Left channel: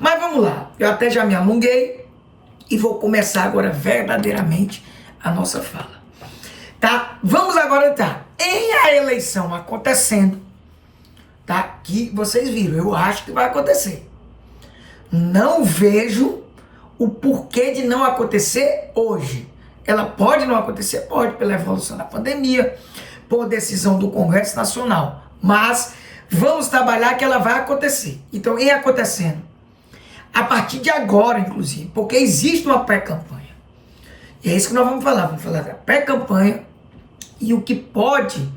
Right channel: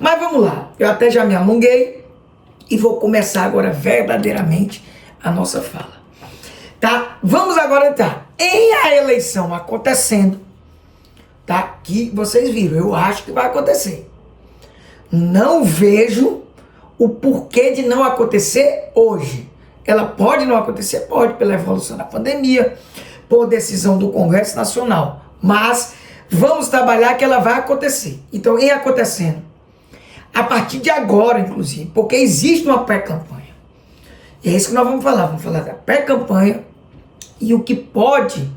Mas vamos lá, eu até já me alonguei e vou começar agora verdadeiramente a nossa fala. Tá? Vamos agora entrar em a eleição acontecendo, tá? Que vocês viram, eu acho que vai acontecer. Não vejo o porquê de não acontecer hoje. Ela pode não acontecer? Pode, pela evolução da pandemia, por decisão do Congresso Nacional. Mas vamos trabalhar que ela vai acontecer. Então, em acontecendo, a partir de agora, inclusive, porque existe uma pré-campanha. E é isso que nós vamos falar da pré-campanha e o que pode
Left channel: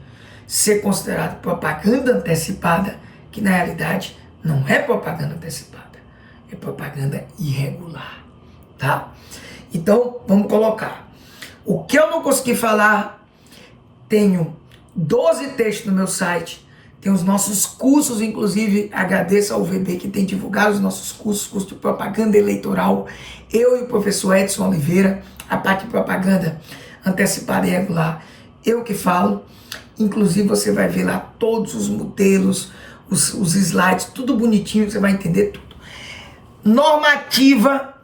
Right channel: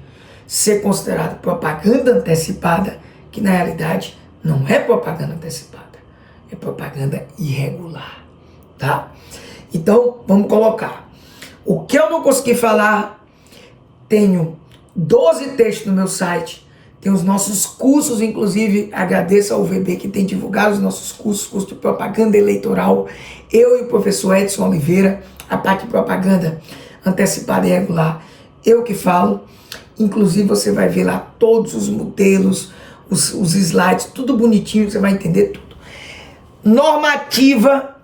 ser considerado propaganda antecipada, que na realidade não é propaganda antecipada, é propaganda irregular, tá? Então, vamos colocar. O que eu não consegui falar, tenho 12 textos no meu site, tem os nossos cursos, inclusive agradeço ao VB que tem divulgado os nossos cursos, curso de propaganda eleitoral, eu e o professor Edson Oliveira, a parte de propaganda antecipada e irregular, eu que falo, inclusive você vai ver lá todos os modelos, os slides, tudo bonitinho, você vai entender tudo. Normativa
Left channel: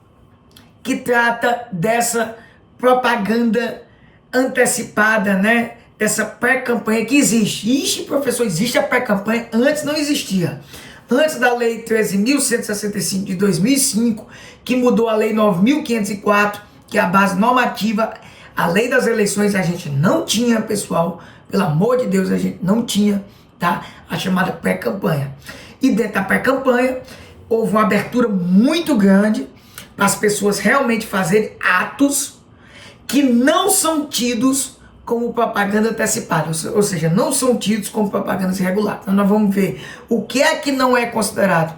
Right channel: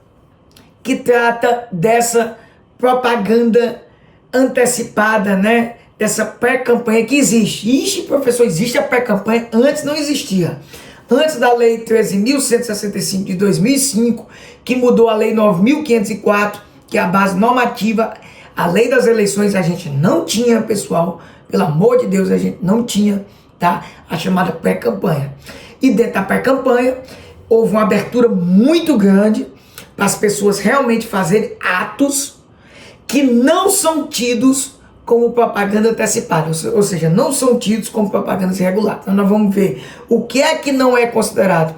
que trata dessa propaganda antecipada, né? Dessa pré-campanha que existe. Ixi, professor, existe a pré-campanha? Antes não existia. Antes da Lei 13.165 de 2005, que mudou a Lei 9.504, que é a base normativa, a lei das eleições a gente não tinha, pessoal, pelo amor de Deus, a gente não tinha, tá? A chamada pré-campanha. E dentro da pré-campanha, houve uma abertura muito grande para as pessoas realmente fazerem atos que não são tidos como propaganda antecipada, ou seja, não são tidos como propagandas irregulares. Então nós vamos ver o que é que não é considerado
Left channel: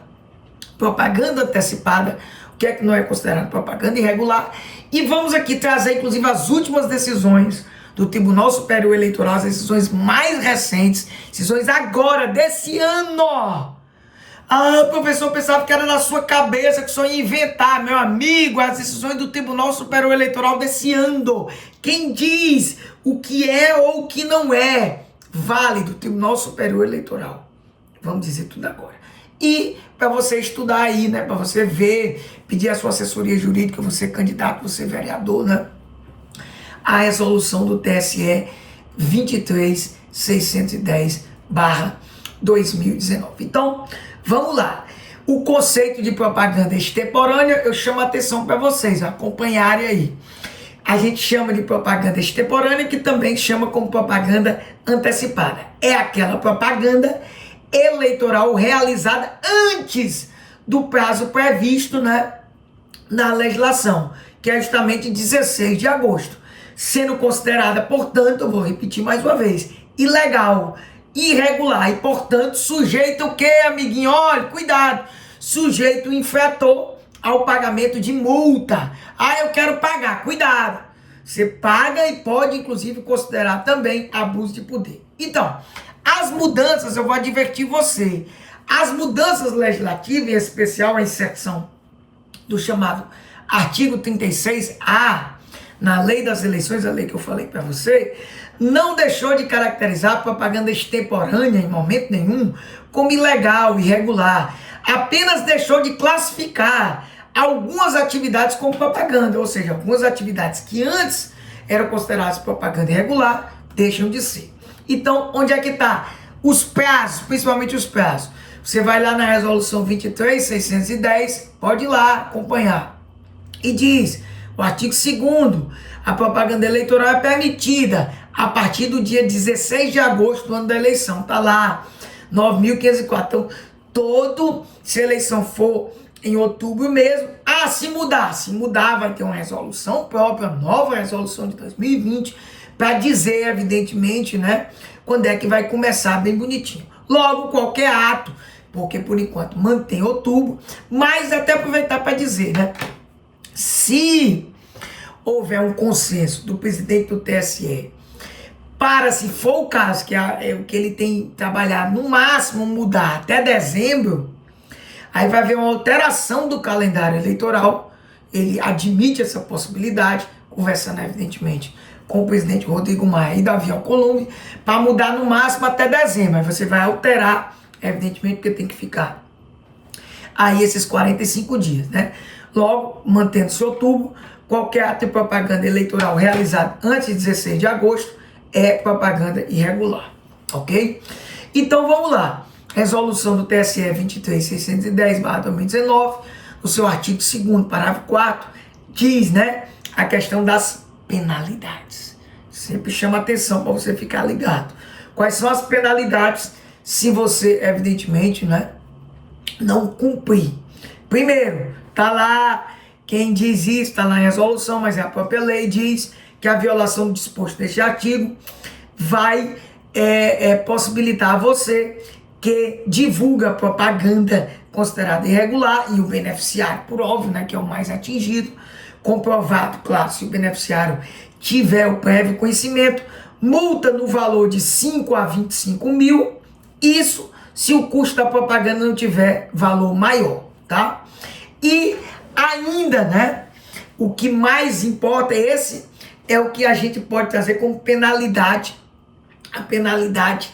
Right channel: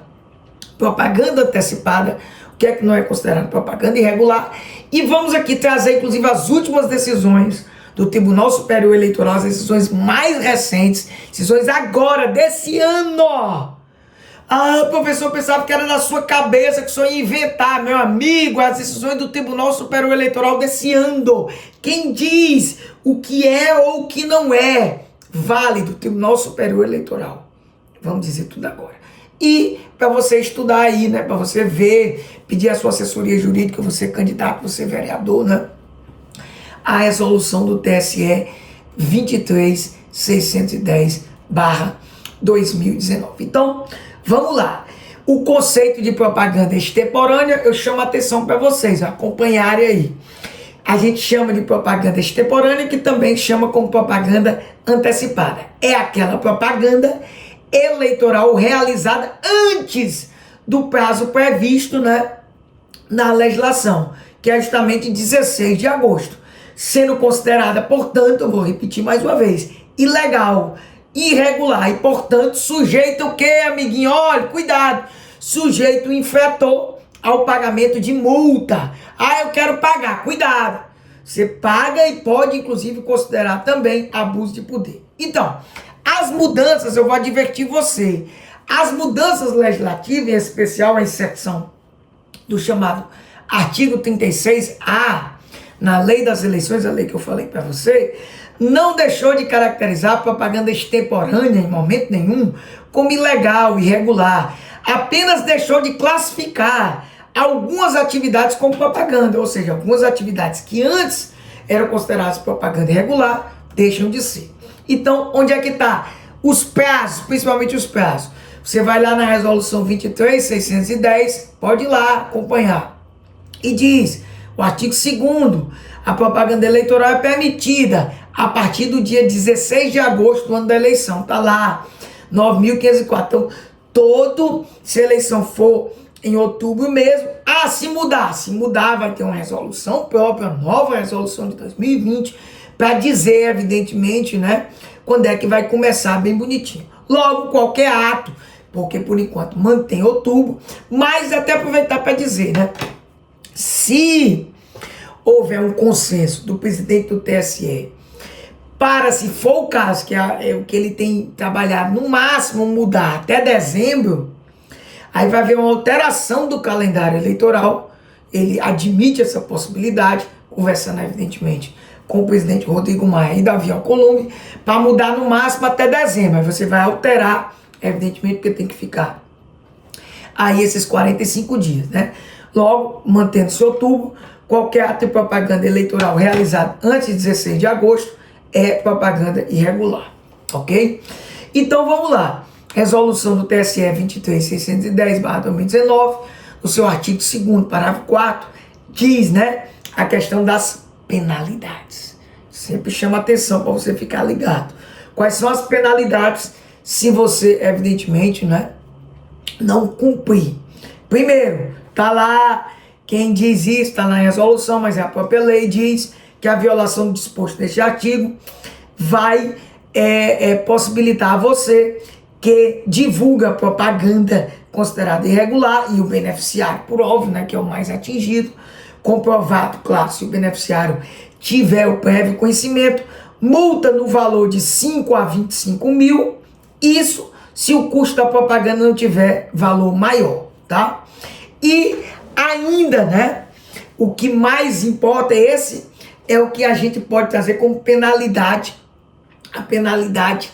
propaganda antecipada, o que é que não é considerado propaganda irregular, e vamos aqui trazer inclusive as últimas decisões do Tribunal Superior Eleitoral, as decisões mais recentes, decisões agora, desse ano. Ah, professor, eu pensava que era na sua cabeça, que só ia inventar, meu amigo, as decisões do Tribunal Superior Eleitoral desse ano. Quem diz o que é ou o que não é válido, Tribunal Superior Eleitoral. Vamos dizer tudo agora. E para você estudar aí, né, para você ver, pedir a sua assessoria jurídica, você candidato, você vereador, né, a resolução do TSE 23.610/2019. Então, vamos lá. O conceito de propaganda extemporânea, eu chamo a atenção para vocês acompanharem aí. A gente chama de propaganda extemporânea, que também chama como propaganda antecipada. É aquela propaganda eleitoral realizada antes do prazo previsto, né, na legislação, que é justamente 16 de agosto. Sendo considerada, portanto, vou repetir mais uma vez, ilegal, irregular e, portanto, sujeito o quê, amiguinho? Olha, cuidado, sujeito infrator ao pagamento de multa. Ah, eu quero pagar, cuidado. Você paga e pode, inclusive, considerar também abuso de poder. Então, as mudanças, eu vou advertir você, as mudanças legislativas, em especial a inserção do chamado artigo 36A, na lei das eleições, a lei que eu falei para você, não deixou de caracterizar a propaganda extemporânea em momento nenhum como ilegal, irregular. Apenas deixou de classificar algumas atividades como propaganda, ou seja, algumas atividades que antes eram consideradas propaganda irregular, deixam de ser. Então, onde é que está? Os prazos, principalmente os prazos. Você vai lá na resolução 23.610, pode ir lá acompanhar. E diz, o artigo 2º, a propaganda eleitoral é permitida a partir do dia 16 de agosto do ano da eleição. Está lá, 9.504. Então, se a eleição for em outubro mesmo, se mudar vai ter uma resolução própria, nova resolução de 2020, para dizer, evidentemente, né, quando é que vai começar bem bonitinho. Logo, qualquer ato, porque por enquanto mantém outubro, mas até aproveitar para dizer, né, se houver um consenso do presidente do TSE para, se for o caso, que é o que ele tem trabalhado, no máximo mudar até dezembro, aí vai haver uma alteração do calendário eleitoral, ele admite essa possibilidade, conversando evidentemente com o presidente Rodrigo Maia e Davi Alcolumbre, para mudar no máximo até dezembro. Aí você vai alterar, evidentemente, porque tem que ficar aí esses 45 dias, né? Logo, mantendo-se outubro, qualquer ato de propaganda eleitoral realizado antes de 16 de agosto é propaganda irregular, ok? Então vamos lá. Resolução do TSE 23.610/2019, no seu artigo 2º, parágrafo 4, diz, né, a questão das penalidades. Sempre chama atenção para você ficar ligado. Quais são as penalidades se você, evidentemente, né, não cumprir? Primeiro, tá lá, quem diz isso, está na resolução, mas a própria lei diz que a violação do disposto deste artigo vai possibilitar a você que divulga propaganda considerada irregular e o beneficiário, por óbvio, né, que é o mais atingido, comprovado, claro, se o beneficiário tiver o prévio conhecimento, multa no valor de 5 a 25 mil, isso se o custo da propaganda não tiver valor maior, tá? E ainda, né, o que mais importa é o que a gente pode trazer como penalidade, a penalidade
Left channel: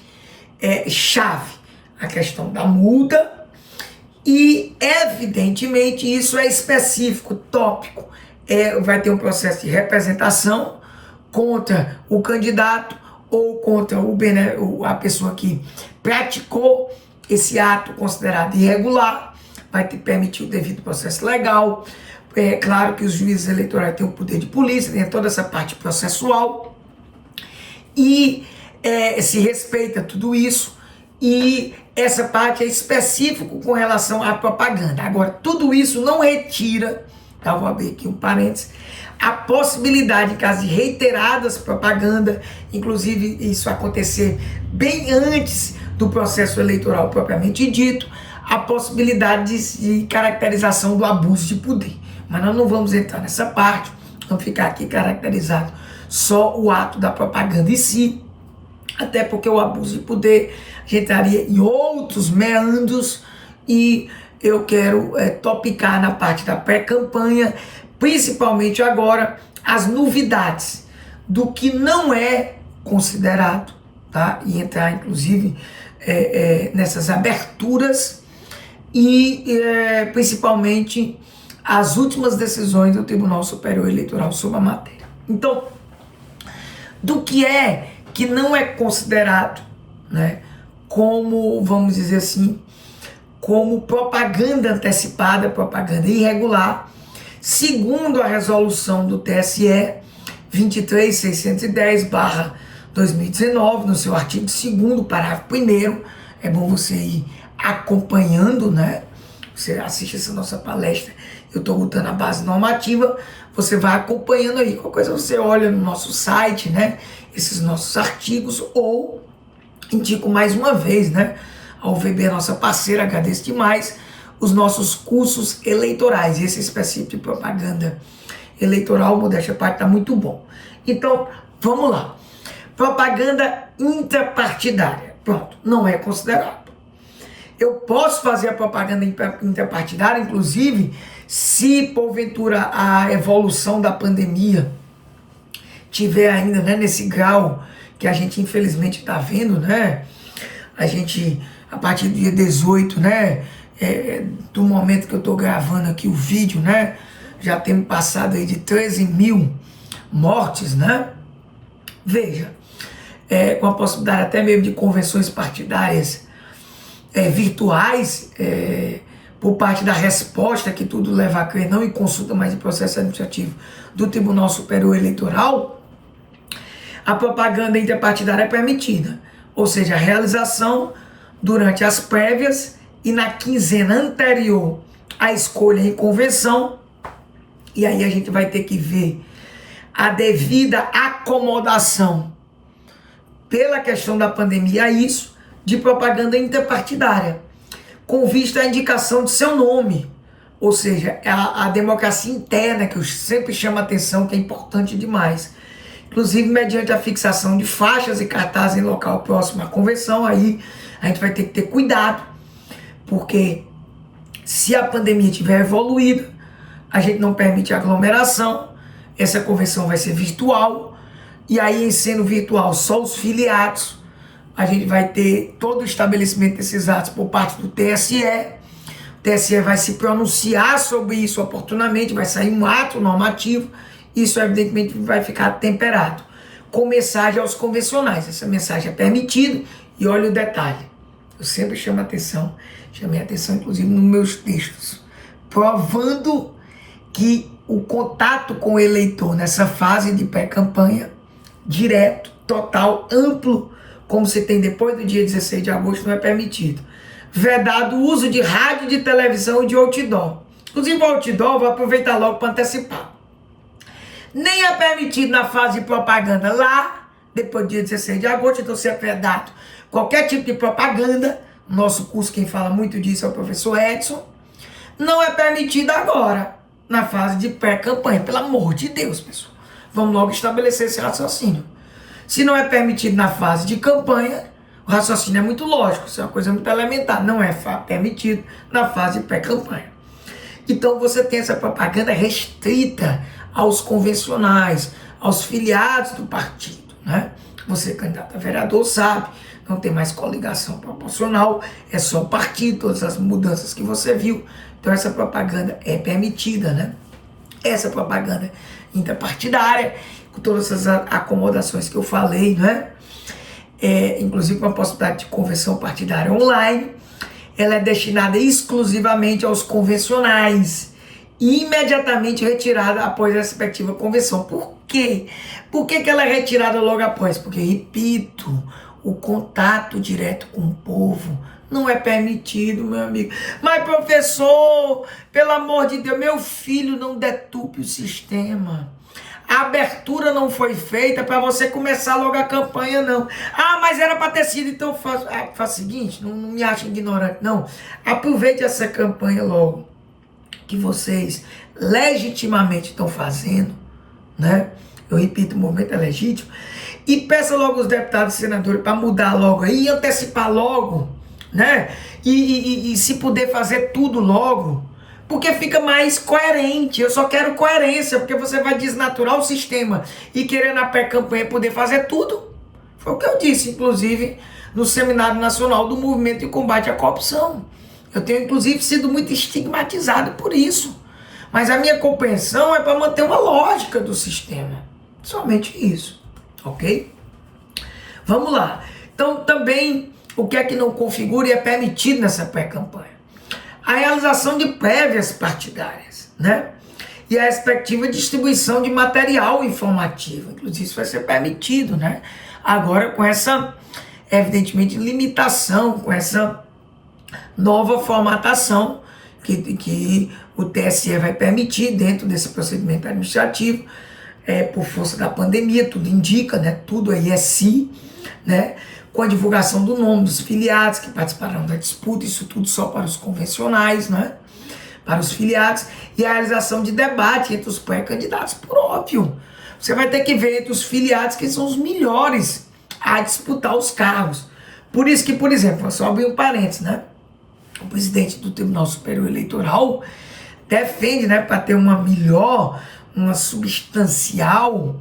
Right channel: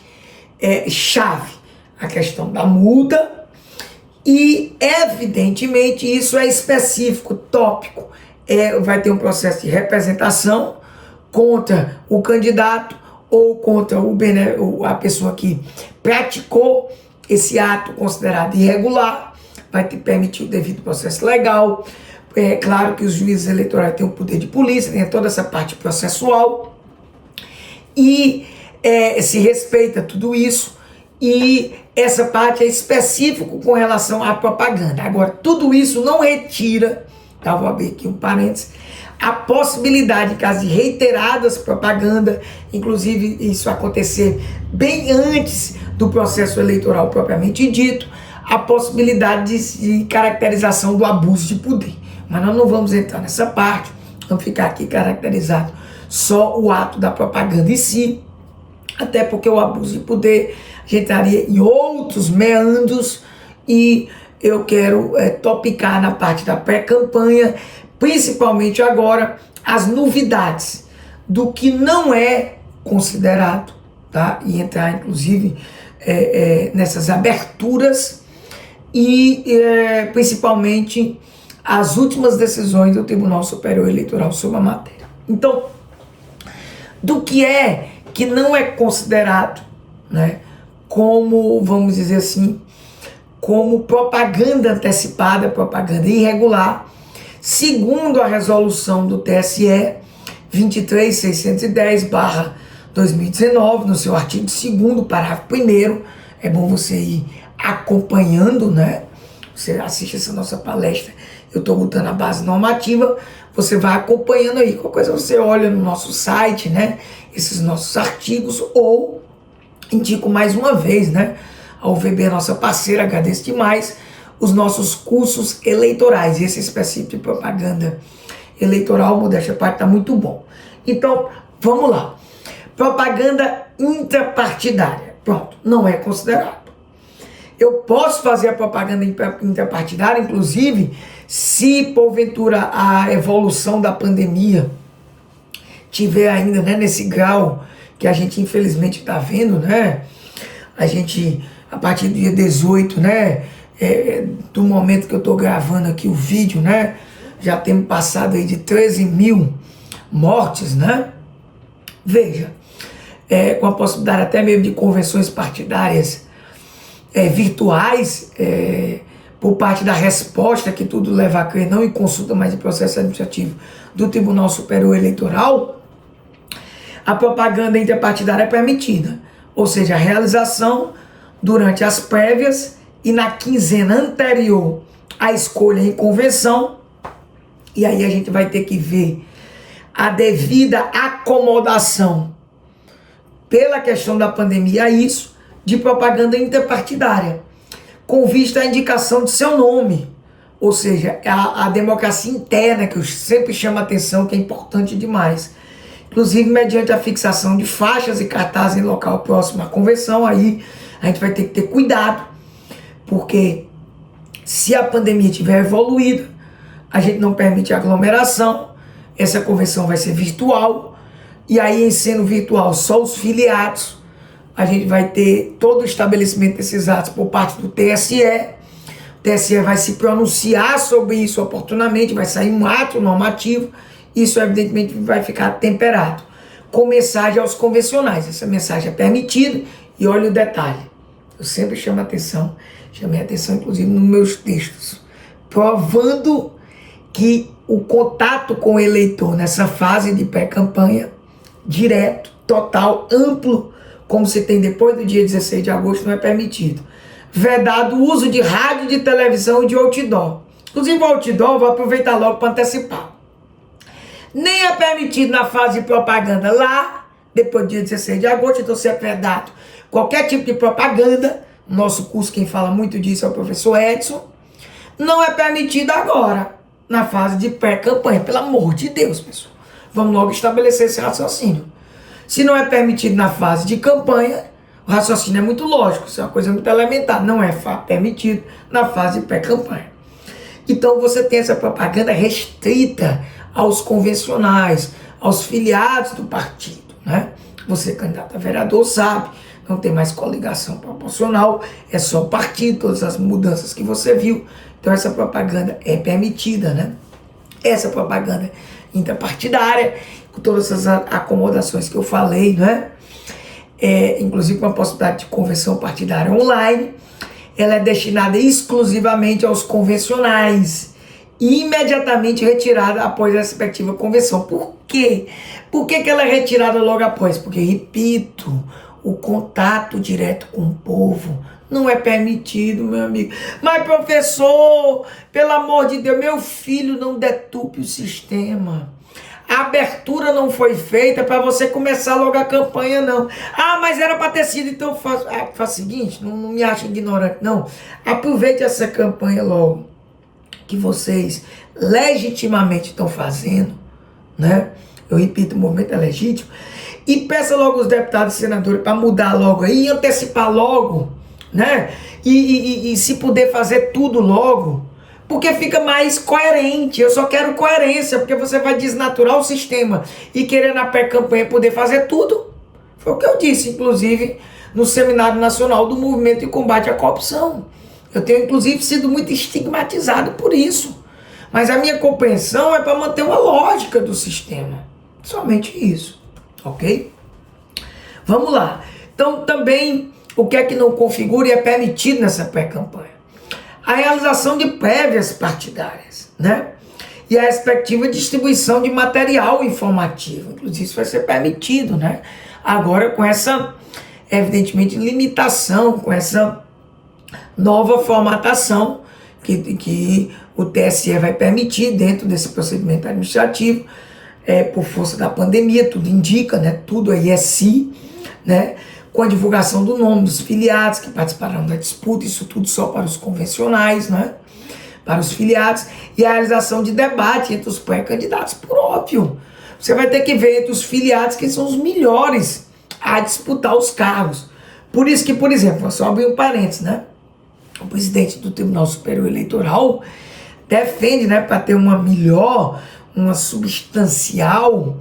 chave, a questão da multa, e evidentemente isso é específico, tópico, vai ter um processo de representação contra o candidato ou contra a pessoa que praticou esse ato considerado irregular, vai te permitir o devido processo legal. É claro que os juízes eleitorais têm o poder de polícia, tem toda essa parte processual, e se respeita tudo isso, e essa parte é específico com relação à propaganda. Agora, tudo isso não retira, tá, vou abrir aqui um parênteses, a possibilidade, em caso de reiteradas propaganda, inclusive isso acontecer bem antes do processo eleitoral propriamente dito, a possibilidade de caracterização do abuso de poder. Mas nós não vamos entrar nessa parte, vamos ficar aqui caracterizado só o ato da propaganda em si, até porque o abuso de poder a gente estaria em outros meandros, e eu quero topicar na parte da pré-campanha, principalmente agora, as novidades do que não é considerado, tá? E entrar inclusive nessas aberturas e principalmente as últimas decisões do Tribunal Superior Eleitoral sobre a matéria. Então, do que não é considerado, né, como, vamos dizer assim, como propaganda antecipada, propaganda irregular, segundo a resolução do TSE 23.610/2019, no seu artigo 2º, parágrafo 1º, é bom você ir acompanhando, né? Você assiste essa nossa palestra, eu estou botando a base normativa, você vai acompanhando aí. Qualquer coisa você olha no nosso site, né? Esses nossos artigos, ou indico mais uma vez, né? A UVB, nossa parceira, agradeço demais, os nossos cursos eleitorais. Esse específico de propaganda eleitoral, modéstia à parte, está muito bom. Então, vamos lá. Propaganda intrapartidária. Pronto, não é considerado. Eu posso fazer a propaganda intrapartidária, inclusive, se porventura a evolução da pandemia tiver ainda, né, nesse grau que a gente infelizmente está vendo, né? A gente, a partir do dia 18, né, do momento que eu estou gravando aqui o vídeo, né, já temos passado aí de 13 mil mortes, né? Veja, com a possibilidade até mesmo de convenções partidárias virtuais, por parte da resposta que tudo leva a crer, não em consulta, mas em processo administrativo do Tribunal Superior Eleitoral, a propaganda interpartidária é permitida, ou seja, a realização durante as prévias e na quinzena anterior à escolha em convenção, e aí a gente vai ter que ver a devida acomodação pela questão da pandemia a isso, de propaganda interpartidária, com vista à indicação de seu nome, ou seja, a democracia interna, que eu sempre chamo a atenção, que é importante demais. Inclusive, mediante a fixação de faixas e cartazes em local próximo à convenção, aí a gente vai ter que ter cuidado, porque se a pandemia tiver evoluído, a gente não permite aglomeração, essa convenção vai ser virtual, e aí, em sendo virtual, só os filiados, a gente vai ter todo o estabelecimento desses atos por parte do TSE, O TSE vai se pronunciar sobre isso oportunamente, vai sair um ato normativo, isso evidentemente vai ficar temperado. Com mensagem aos convencionais, essa mensagem é permitida, e olha o detalhe, eu sempre chamei atenção inclusive nos meus textos, provando que o contato com o eleitor nessa fase de pré-campanha, direto, total, amplo, como se tem depois do dia 16 de agosto, não é permitido. Vedado o uso de rádio, de televisão e de outdoor. Inclusive o outdoor, eu vou aproveitar logo para antecipar. Nem é permitido na fase de propaganda lá, depois do dia 16 de agosto, então se é vedado qualquer tipo de propaganda, nosso curso quem fala muito disso é o professor Edson, não é permitido agora, na fase de pré-campanha, pelo amor de Deus, pessoal. Vamos logo estabelecer esse raciocínio. Se não é permitido na fase de campanha, o raciocínio é muito lógico, isso é uma coisa muito elementar, não é permitido na fase de pré-campanha. Então você tem essa propaganda restrita aos convencionais, aos filiados do partido, né? Você, candidato a vereador, sabe, não tem mais coligação proporcional, é só o partido, todas as mudanças que você viu. Então essa propaganda é permitida, né? Essa propaganda interpartidária, com todas essas acomodações que eu falei, né? Inclusive com a possibilidade de convenção partidária online, ela é destinada exclusivamente aos convencionais e imediatamente retirada após a respectiva convenção. Por quê? Por que ela é retirada logo após? Porque, repito, o contato direto com o povo não é permitido, meu amigo. Mas, professor, pelo amor de Deus, meu filho, não deturpe o sistema. A abertura não foi feita para você começar logo a campanha, não. Ah, mas era para ter sido, então faz o seguinte, não me ache ignorante, não. Aproveite essa campanha logo, que vocês legitimamente estão fazendo, né? Eu repito, o movimento é legítimo. E peça logo os deputados e senadores para mudar logo aí, antecipar logo, né? E se puder fazer tudo logo, porque fica mais coerente. Eu só quero coerência, porque você vai desnaturar o sistema e querer na pré-campanha poder fazer tudo. Foi o que eu disse, inclusive, no Seminário Nacional do Movimento de Combate à Corrupção. Eu tenho, inclusive, sido muito estigmatizado por isso. Mas a minha compreensão é para manter uma lógica do sistema. Somente isso, ok? Vamos lá. Então, também, o que é que não configura e é permitido nessa pré-campanha? A realização de prévias partidárias, né? E a respectiva distribuição de material informativo. Inclusive, isso vai ser permitido, né? Agora, com essa, evidentemente, limitação, com essa nova formatação que o TSE vai permitir dentro desse procedimento administrativo, por força da pandemia, tudo indica, né? Tudo aí é si, né? Com a divulgação do nome dos filiados que participarão da disputa, isso tudo só para os convencionais, né? Para os filiados, e a realização de debate entre os pré-candidatos, por óbvio. Você vai ter que ver entre os filiados que são os melhores a disputar os cargos. Por isso que, por exemplo, vou só abrir um parênteses, né? O presidente do Tribunal Superior Eleitoral defende, né, para ter uma melhor, uma substancial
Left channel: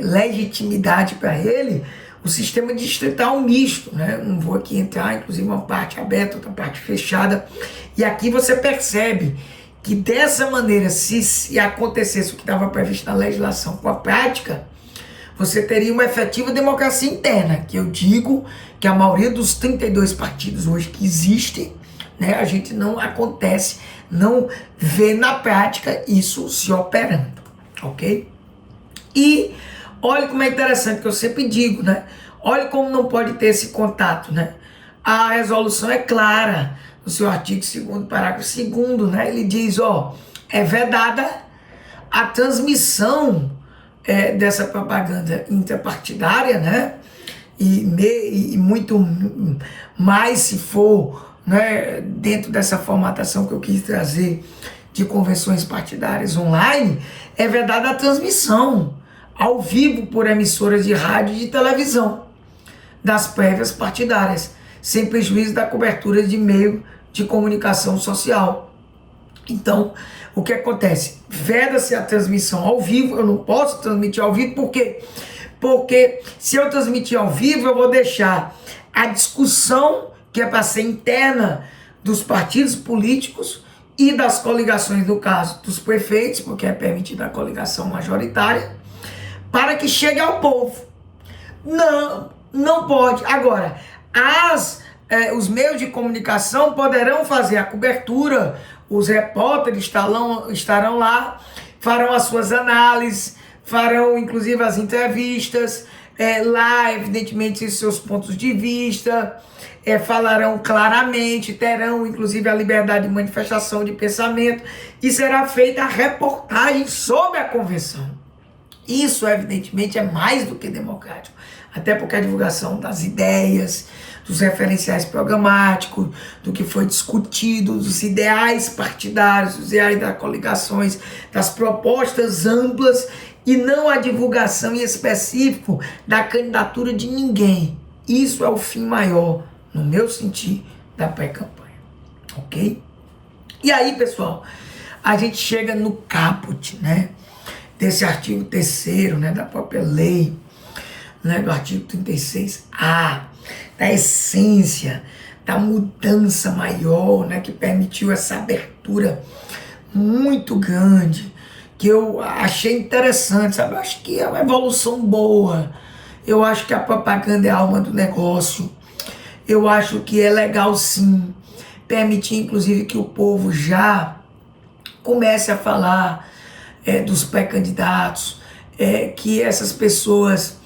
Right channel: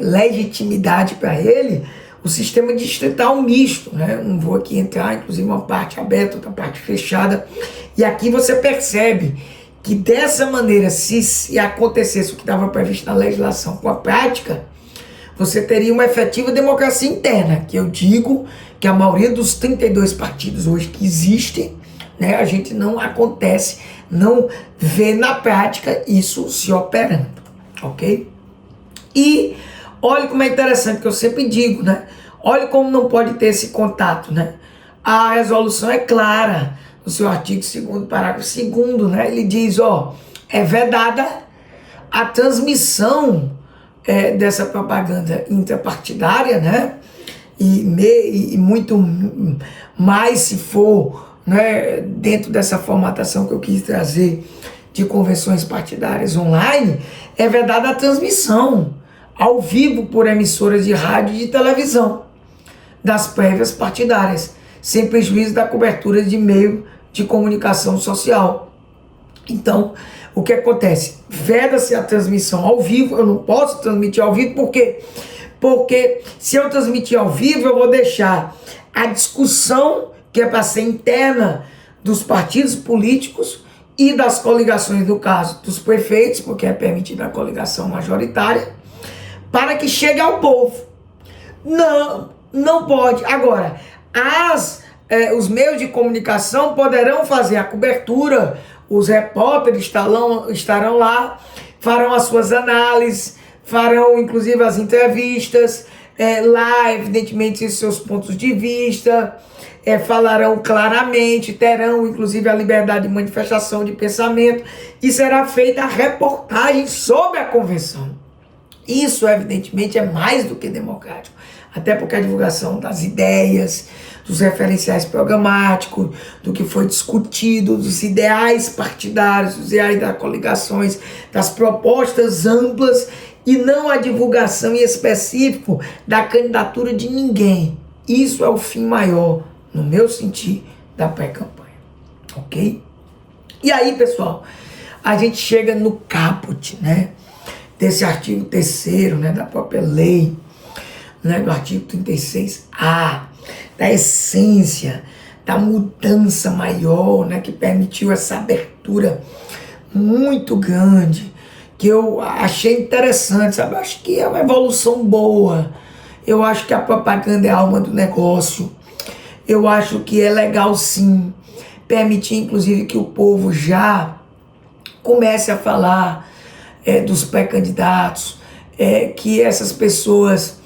legitimidade para ele, o sistema distrital misto, né? Não vou aqui entrar, inclusive uma parte aberta, outra parte fechada, e aqui você percebe que dessa maneira, se acontecesse o que estava previsto na legislação com a prática, você teria uma efetiva democracia interna, que eu digo que a maioria dos 32 partidos hoje que existem, né, a gente não acontece, não vê na prática isso se operando, ok? E olha como é interessante, que eu sempre digo, né? Olha como não pode ter esse contato, né? A resolução é clara, no seu artigo 2º, parágrafo 2º, né? Ele diz, é vedada a transmissão dessa propaganda interpartidária, né? E muito mais se for, né, dentro dessa formatação que eu quis trazer de convenções partidárias online, é vedada a transmissão ao vivo por emissoras de rádio e de televisão das prévias partidárias, sem prejuízo da cobertura de meio de comunicação social. Então, o que acontece? Veda-se a transmissão ao vivo. Eu não posso transmitir ao vivo, por quê? Porque se eu transmitir ao vivo, eu vou deixar a discussão, que é para ser interna dos partidos políticos e das coligações, no caso dos prefeitos, porque é permitida a coligação majoritária, para que chegue ao povo. Não, não pode. Agora, os meios de comunicação poderão fazer a cobertura, os repórteres estarão lá, farão as suas análises, farão inclusive as entrevistas, lá, evidentemente, os seus pontos de vista, falarão claramente, terão inclusive a liberdade de manifestação de pensamento, e será feita a reportagem sobre a convenção. Isso, evidentemente, é mais do que democrático, até porque a divulgação das ideias, dos referenciais programáticos, do que foi discutido, dos ideais partidários, dos ideais das coligações, das propostas amplas, e não a divulgação em específico da candidatura de ninguém. Isso é o fim maior, no meu sentir, da pré-campanha. Ok? E aí, pessoal, a gente chega no caput, né? Desse artigo 3º, né, da própria lei, né, do artigo 36A, da essência, da mudança maior, né, que permitiu essa abertura muito grande, que eu achei interessante, sabe? Eu acho que é uma evolução boa. Eu acho que a propaganda é a alma do negócio. Eu acho que é legal, sim, permitir, inclusive, que o povo já comece a falar dos pré-candidatos, que essas pessoas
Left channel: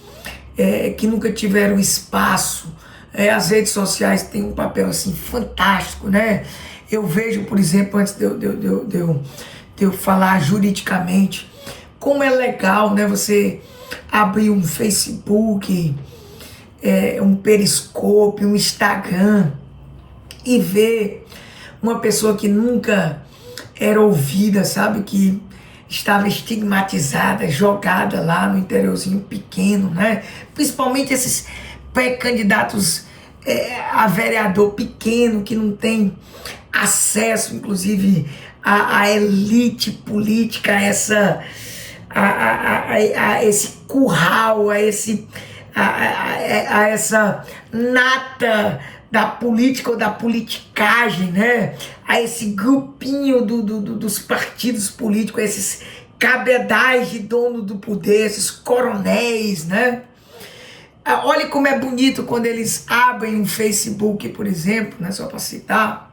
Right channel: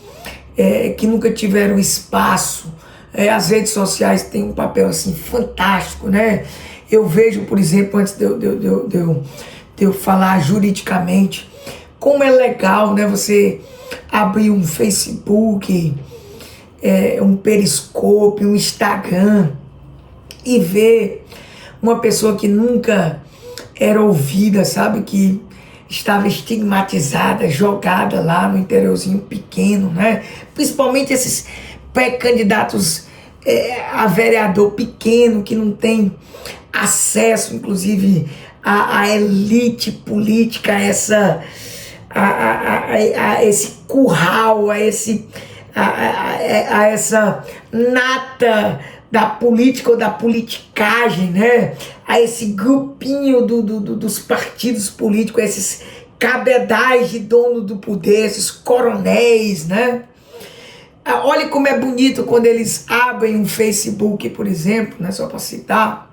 que nunca tiveram espaço, as redes sociais têm um papel assim fantástico, né? Eu vejo, por exemplo, antes de eu falar juridicamente, como é legal, né, você abrir um Facebook, um Periscope, um Instagram, e ver uma pessoa que nunca era ouvida, sabe, que estava estigmatizada, jogada lá no interiorzinho pequeno, né? Principalmente esses pré-candidatos a vereador pequeno, que não tem acesso, inclusive, à elite política, a esse curral, a essa nata da política ou da politicagem, né? A esse grupinho dos partidos políticos, esses cabedais de dono do poder, esses coronéis, né? Olha como é bonito quando eles abrem um Facebook, por exemplo, né? Só para citar,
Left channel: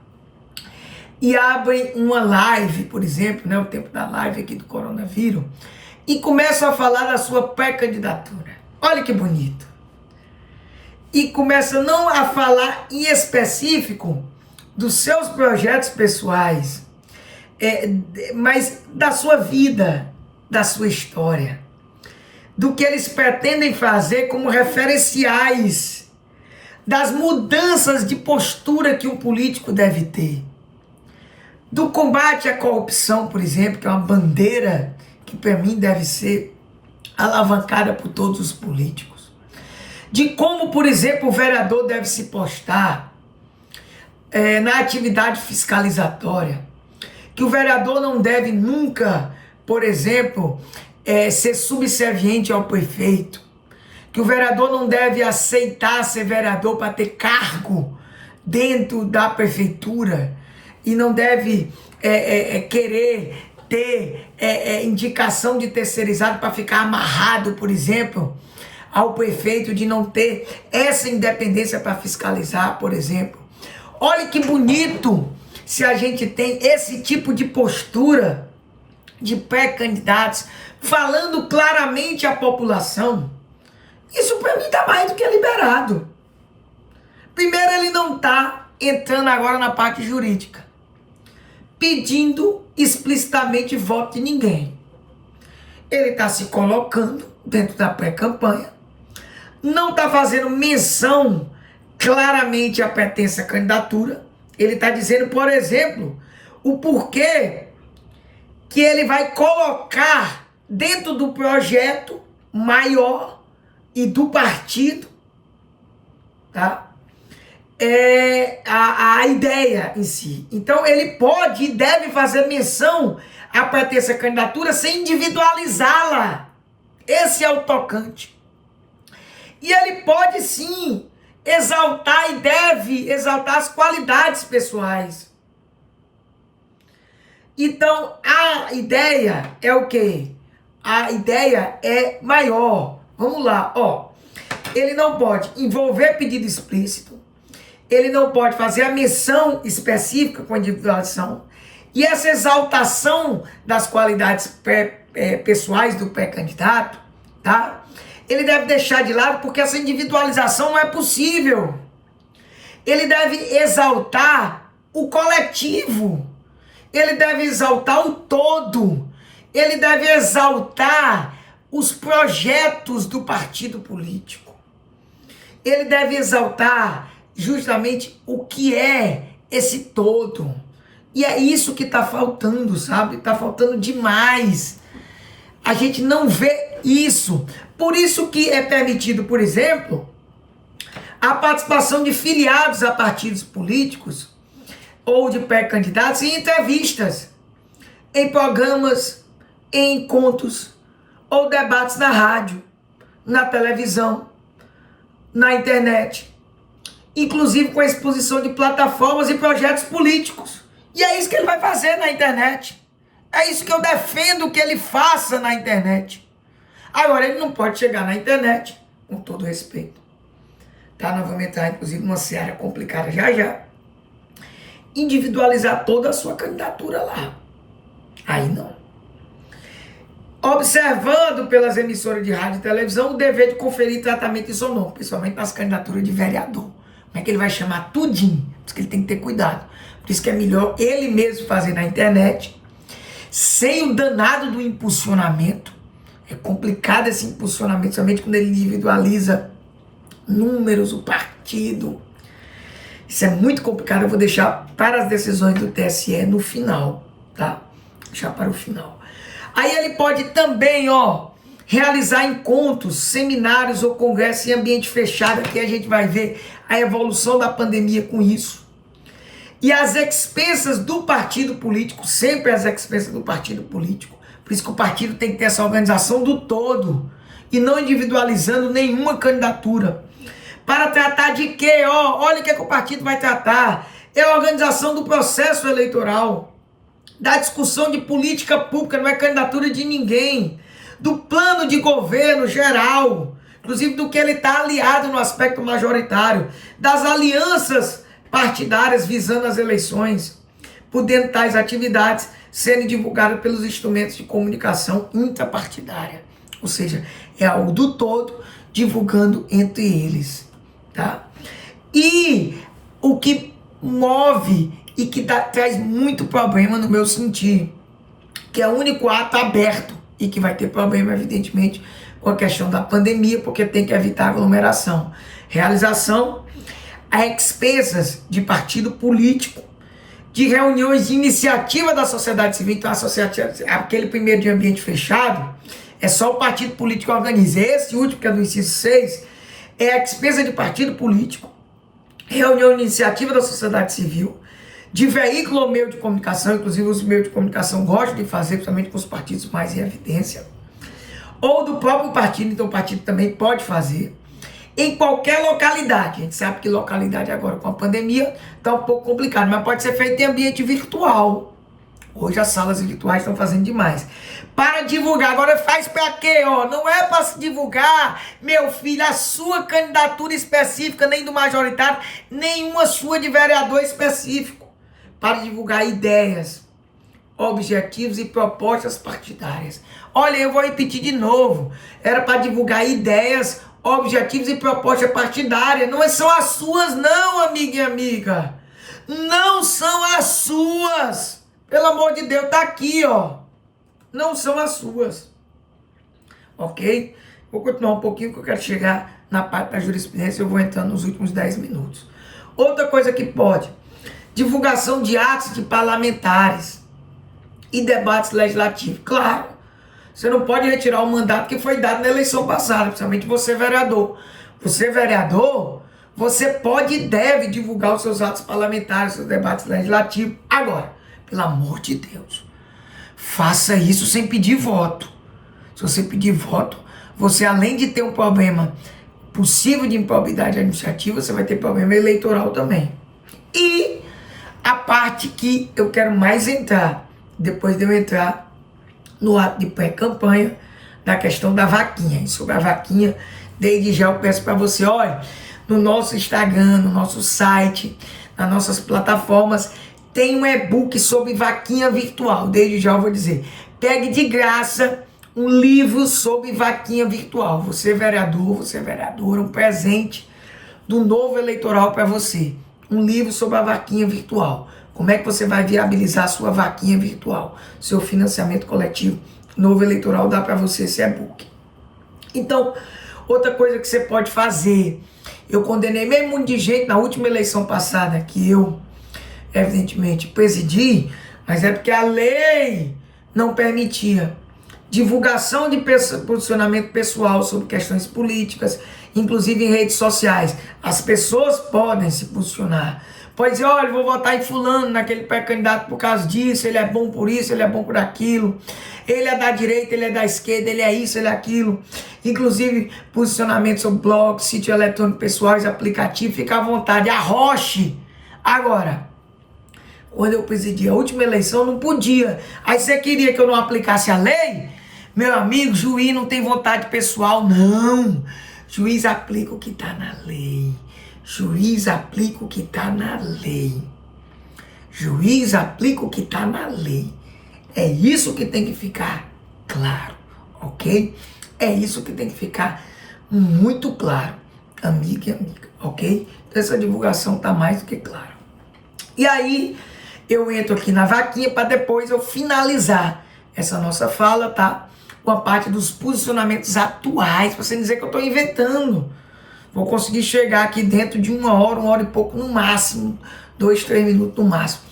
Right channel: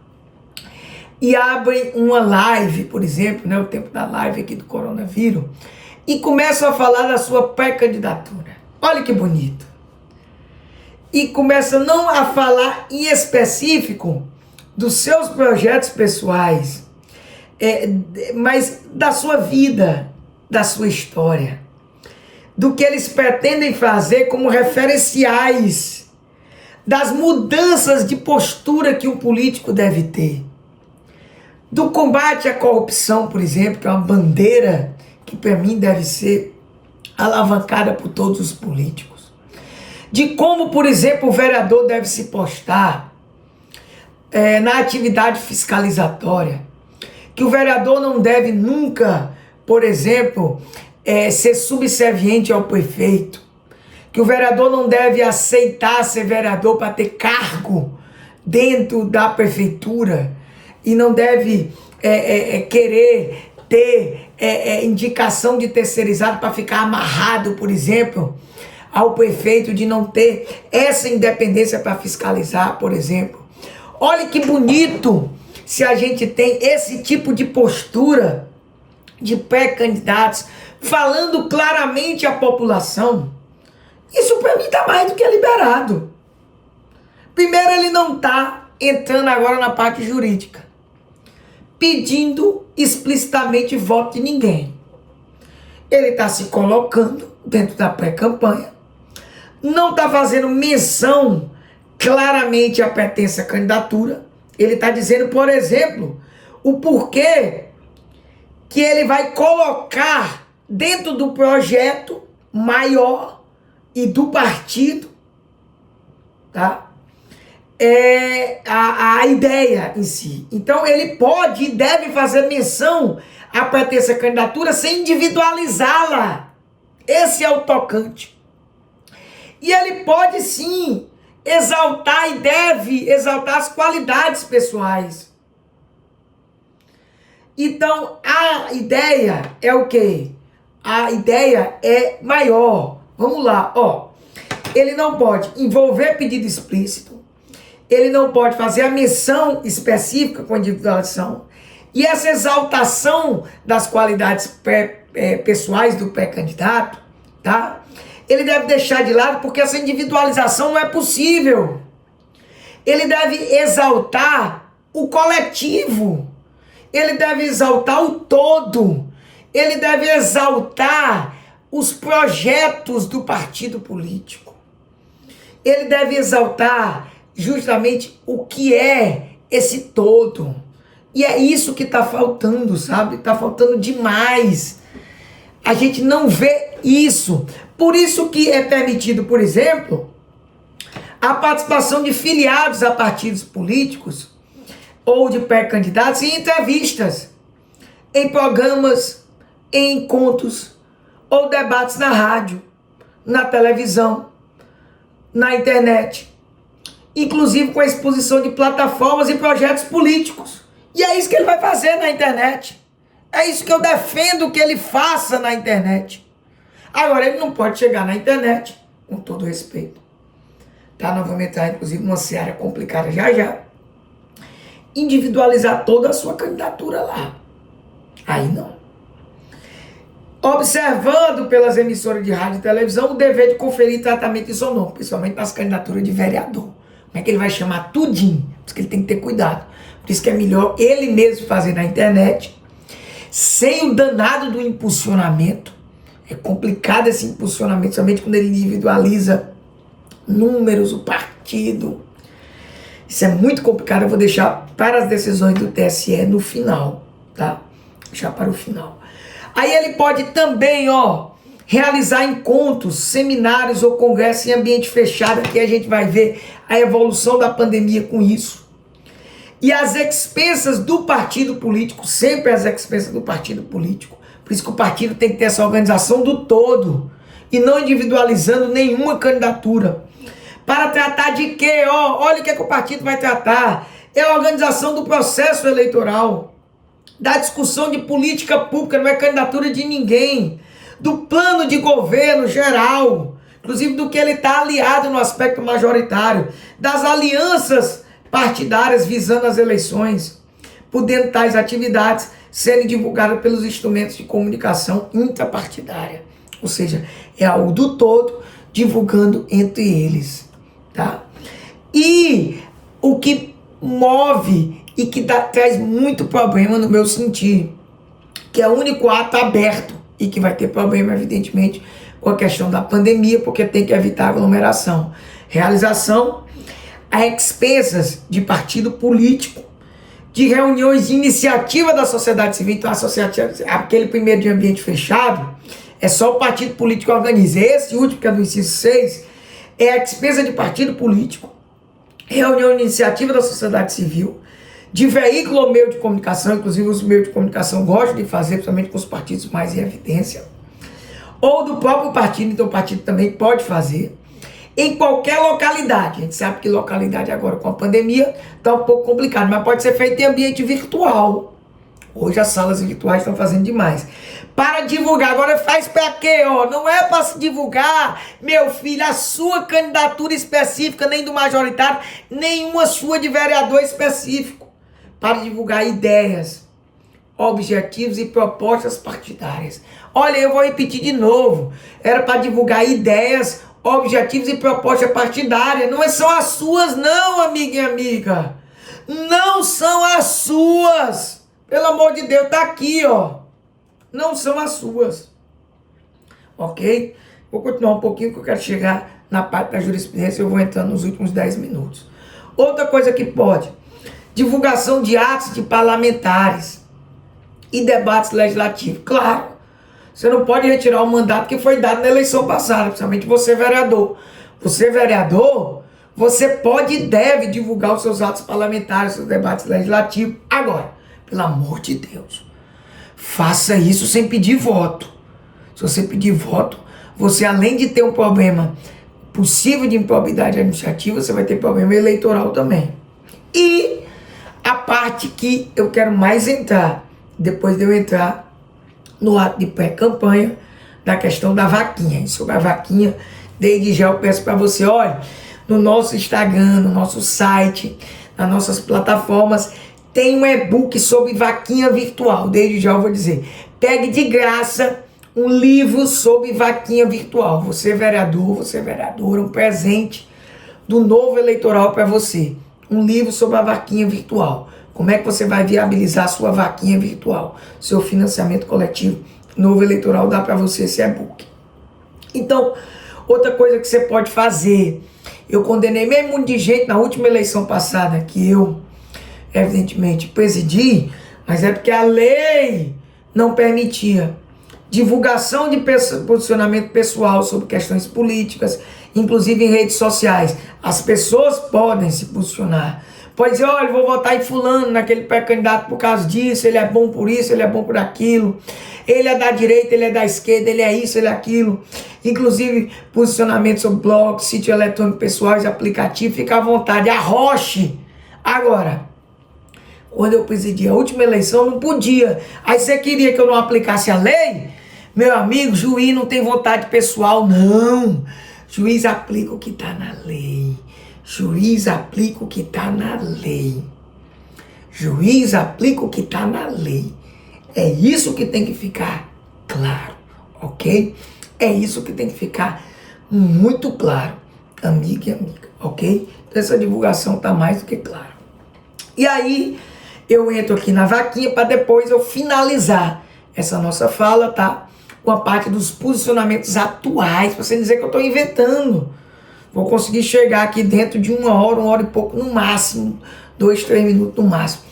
e abrem uma live, por exemplo, né? O tempo da live aqui do coronavírus, e começam a falar da sua pré-candidatura. Olha que bonito. E começa não a falar em específico dos seus projetos pessoais, mas da sua vida, da sua história, do que eles pretendem fazer como referenciais, das mudanças de postura que um político deve ter, do combate à corrupção, por exemplo, que é uma bandeira que para mim deve ser alavancada por todos os políticos, de como, por exemplo, o vereador deve se postar na atividade fiscalizatória, que o vereador não deve nunca, por exemplo, ser subserviente ao prefeito, que o vereador não deve aceitar ser vereador para ter cargo dentro da prefeitura, e não deve querer ter indicação de terceirizado para ficar amarrado, por exemplo, ao prefeito, de não ter essa independência para fiscalizar, por exemplo. Olha que bonito se a gente tem esse tipo de postura de pré-candidatos falando claramente à população. Isso para mim está mais do que liberado. Primeiro, ele não está entrando agora na parte jurídica, pedindo explicitamente voto de ninguém. Ele está se colocando dentro da pré-campanha, não está fazendo menção claramente à pertença à candidatura. Ele está dizendo, por exemplo, o porquê que ele vai colocar dentro do projeto maior e do partido, tá? A ideia em si. Então ele pode e deve fazer menção à pertença à candidatura sem individualizá-la. Esse é o tocante. E ele pode sim exaltar e deve exaltar as qualidades pessoais. Então, a ideia é o quê? A ideia é maior. Vamos lá, ó. Ele não pode envolver pedido explícito, ele não pode fazer a menção específica com individualização, e essa exaltação das qualidades pessoais do pré-candidato, tá? Ele deve deixar de lado porque essa individualização não é possível. Ele deve exaltar o coletivo, ele deve exaltar o todo, ele deve exaltar os projetos do partido político. Ele deve exaltar justamente o que é esse todo. E é isso que está faltando, sabe? Está faltando demais. A gente não vê isso. Por isso que é permitido, por exemplo, a participação de filiados a partidos políticos ou de pré-candidatos em entrevistas, em programas, em encontros ou debates na rádio, na televisão, na internet, inclusive com a exposição de plataformas e projetos políticos. E é isso que ele vai fazer na internet. É isso que eu defendo que ele faça na internet. Agora, ele não pode chegar na internet, com todo respeito, tá? Nós vamos entrar, inclusive, numa seara complicada já, individualizar toda a sua candidatura lá. Aí não. Observando pelas emissoras de rádio e televisão o dever de conferir tratamento isonômico, principalmente nas candidaturas de vereador. Como é que ele vai chamar tudinho? Por isso que ele tem que ter cuidado. Por isso que é melhor ele mesmo fazer na internet, sem o danado do impulsionamento. É complicado esse impulsionamento, somente quando ele individualiza números, o partido. Isso é muito complicado, eu vou deixar para as decisões do TSE no final, tá? Deixar para o final. Aí ele pode também, realizar encontros, seminários ou congressos em ambiente fechado, que a gente vai ver a evolução da pandemia com isso. E as expensas do partido político, sempre as expensas do partido político. Por isso que o partido tem que ter essa organização do todo e não individualizando nenhuma candidatura. Para tratar de quê? Olha o que o partido vai tratar. É a organização do processo eleitoral, da discussão de política pública, não é candidatura de ninguém, do plano de governo geral, inclusive do que ele está aliado no aspecto majoritário, das alianças partidárias visando as eleições, podendo tais atividades serem divulgadas pelos instrumentos de comunicação intrapartidária, ou seja, é algo do todo divulgando entre eles, tá? E o que move e que traz muito problema no meu sentir, que é o único ato aberto e que vai ter problema, evidentemente, com a questão da pandemia, porque tem que evitar aglomeração. Realização a expensas de partido político, de reuniões de iniciativa da sociedade civil. Então, aquele primeiro de ambiente fechado, é só o partido político que organiza. Esse último, que é do inciso 6, é a expesa de partido político, reunião de iniciativa da sociedade civil, de veículo ou meio de comunicação, inclusive os meios de comunicação gostam de fazer, principalmente com os partidos mais em evidência, ou do próprio partido, então o partido também pode fazer, em qualquer localidade. A gente sabe que localidade agora com a pandemia está um pouco complicado, mas pode ser feito em ambiente virtual. Hoje as salas virtuais estão fazendo demais. Para divulgar, agora faz para quê? Não é para se divulgar, meu filho, a sua candidatura específica, nem do majoritário, nenhuma sua de vereador específico. Para divulgar ideias, objetivos e propostas partidárias. Olha, eu vou repetir de novo. Era para divulgar ideias, objetivos e propostas partidárias. Não são as suas, não, amiga e amiga. Não são as suas. Pelo amor de Deus, tá aqui, Não são as suas. Ok? Vou continuar um pouquinho, que eu quero chegar na parte da jurisprudência. Eu vou entrando nos últimos 10 minutos. Outra coisa que pode: divulgação de atos de parlamentares e debates legislativos. Claro, você não pode retirar o mandato que foi dado na eleição passada, principalmente você, vereador. Você, vereador, você pode e deve divulgar os seus atos parlamentares, seus debates legislativos. Agora, pelo amor de Deus, faça isso sem pedir voto. Se você pedir voto, você, além de ter um problema possível de improbidade administrativa, você vai ter problema eleitoral também. E a parte que eu quero mais entrar, depois de eu entrar no ato de pré-campanha, na questão da vaquinha. E sobre a vaquinha, desde já eu peço para você, olha, no nosso Instagram, no nosso site, nas nossas plataformas, tem um e-book sobre vaquinha virtual. Desde já eu vou dizer, pegue de graça um livro sobre vaquinha virtual. Você vereador, você vereadora, um presente do novo eleitoral para você. Um livro sobre a vaquinha virtual. Como é que você vai viabilizar a sua vaquinha virtual? Seu financiamento coletivo. Novo eleitoral dá para você esse e-book. Então, outra coisa que você pode fazer. Eu condenei mesmo muito de gente na última eleição passada, que eu, evidentemente, presidi, mas é porque a lei não permitia divulgação de posicionamento pessoal sobre questões políticas, inclusive em redes sociais. As pessoas podem se posicionar. Pode dizer, olha, vou votar em fulano, naquele pré-candidato por causa disso, ele é bom por isso, ele é bom por aquilo, ele é da direita, ele é da esquerda, ele é isso, ele é aquilo. Inclusive, posicionamento sobre blog, sítio eletrônico pessoais, aplicativo, fica à vontade, arroche. Agora, quando eu presidi a última eleição, não podia. Aí você queria que eu não aplicasse a lei? Meu amigo, juiz não tem vontade pessoal, não. Juiz aplica o que está na lei. Juiz aplica o que está na lei. Juiz aplica o que está na lei. É isso que tem que ficar claro, ok? É isso que tem que ficar muito claro, amiga e amiga, ok? Então essa divulgação está mais do que clara. E aí eu entro aqui na vaquinha para depois eu finalizar essa nossa fala, tá? Com a parte dos posicionamentos atuais, para você dizer que eu estou inventando. Vou conseguir chegar aqui dentro de uma hora e pouco no máximo, 2, 3 minutos no máximo.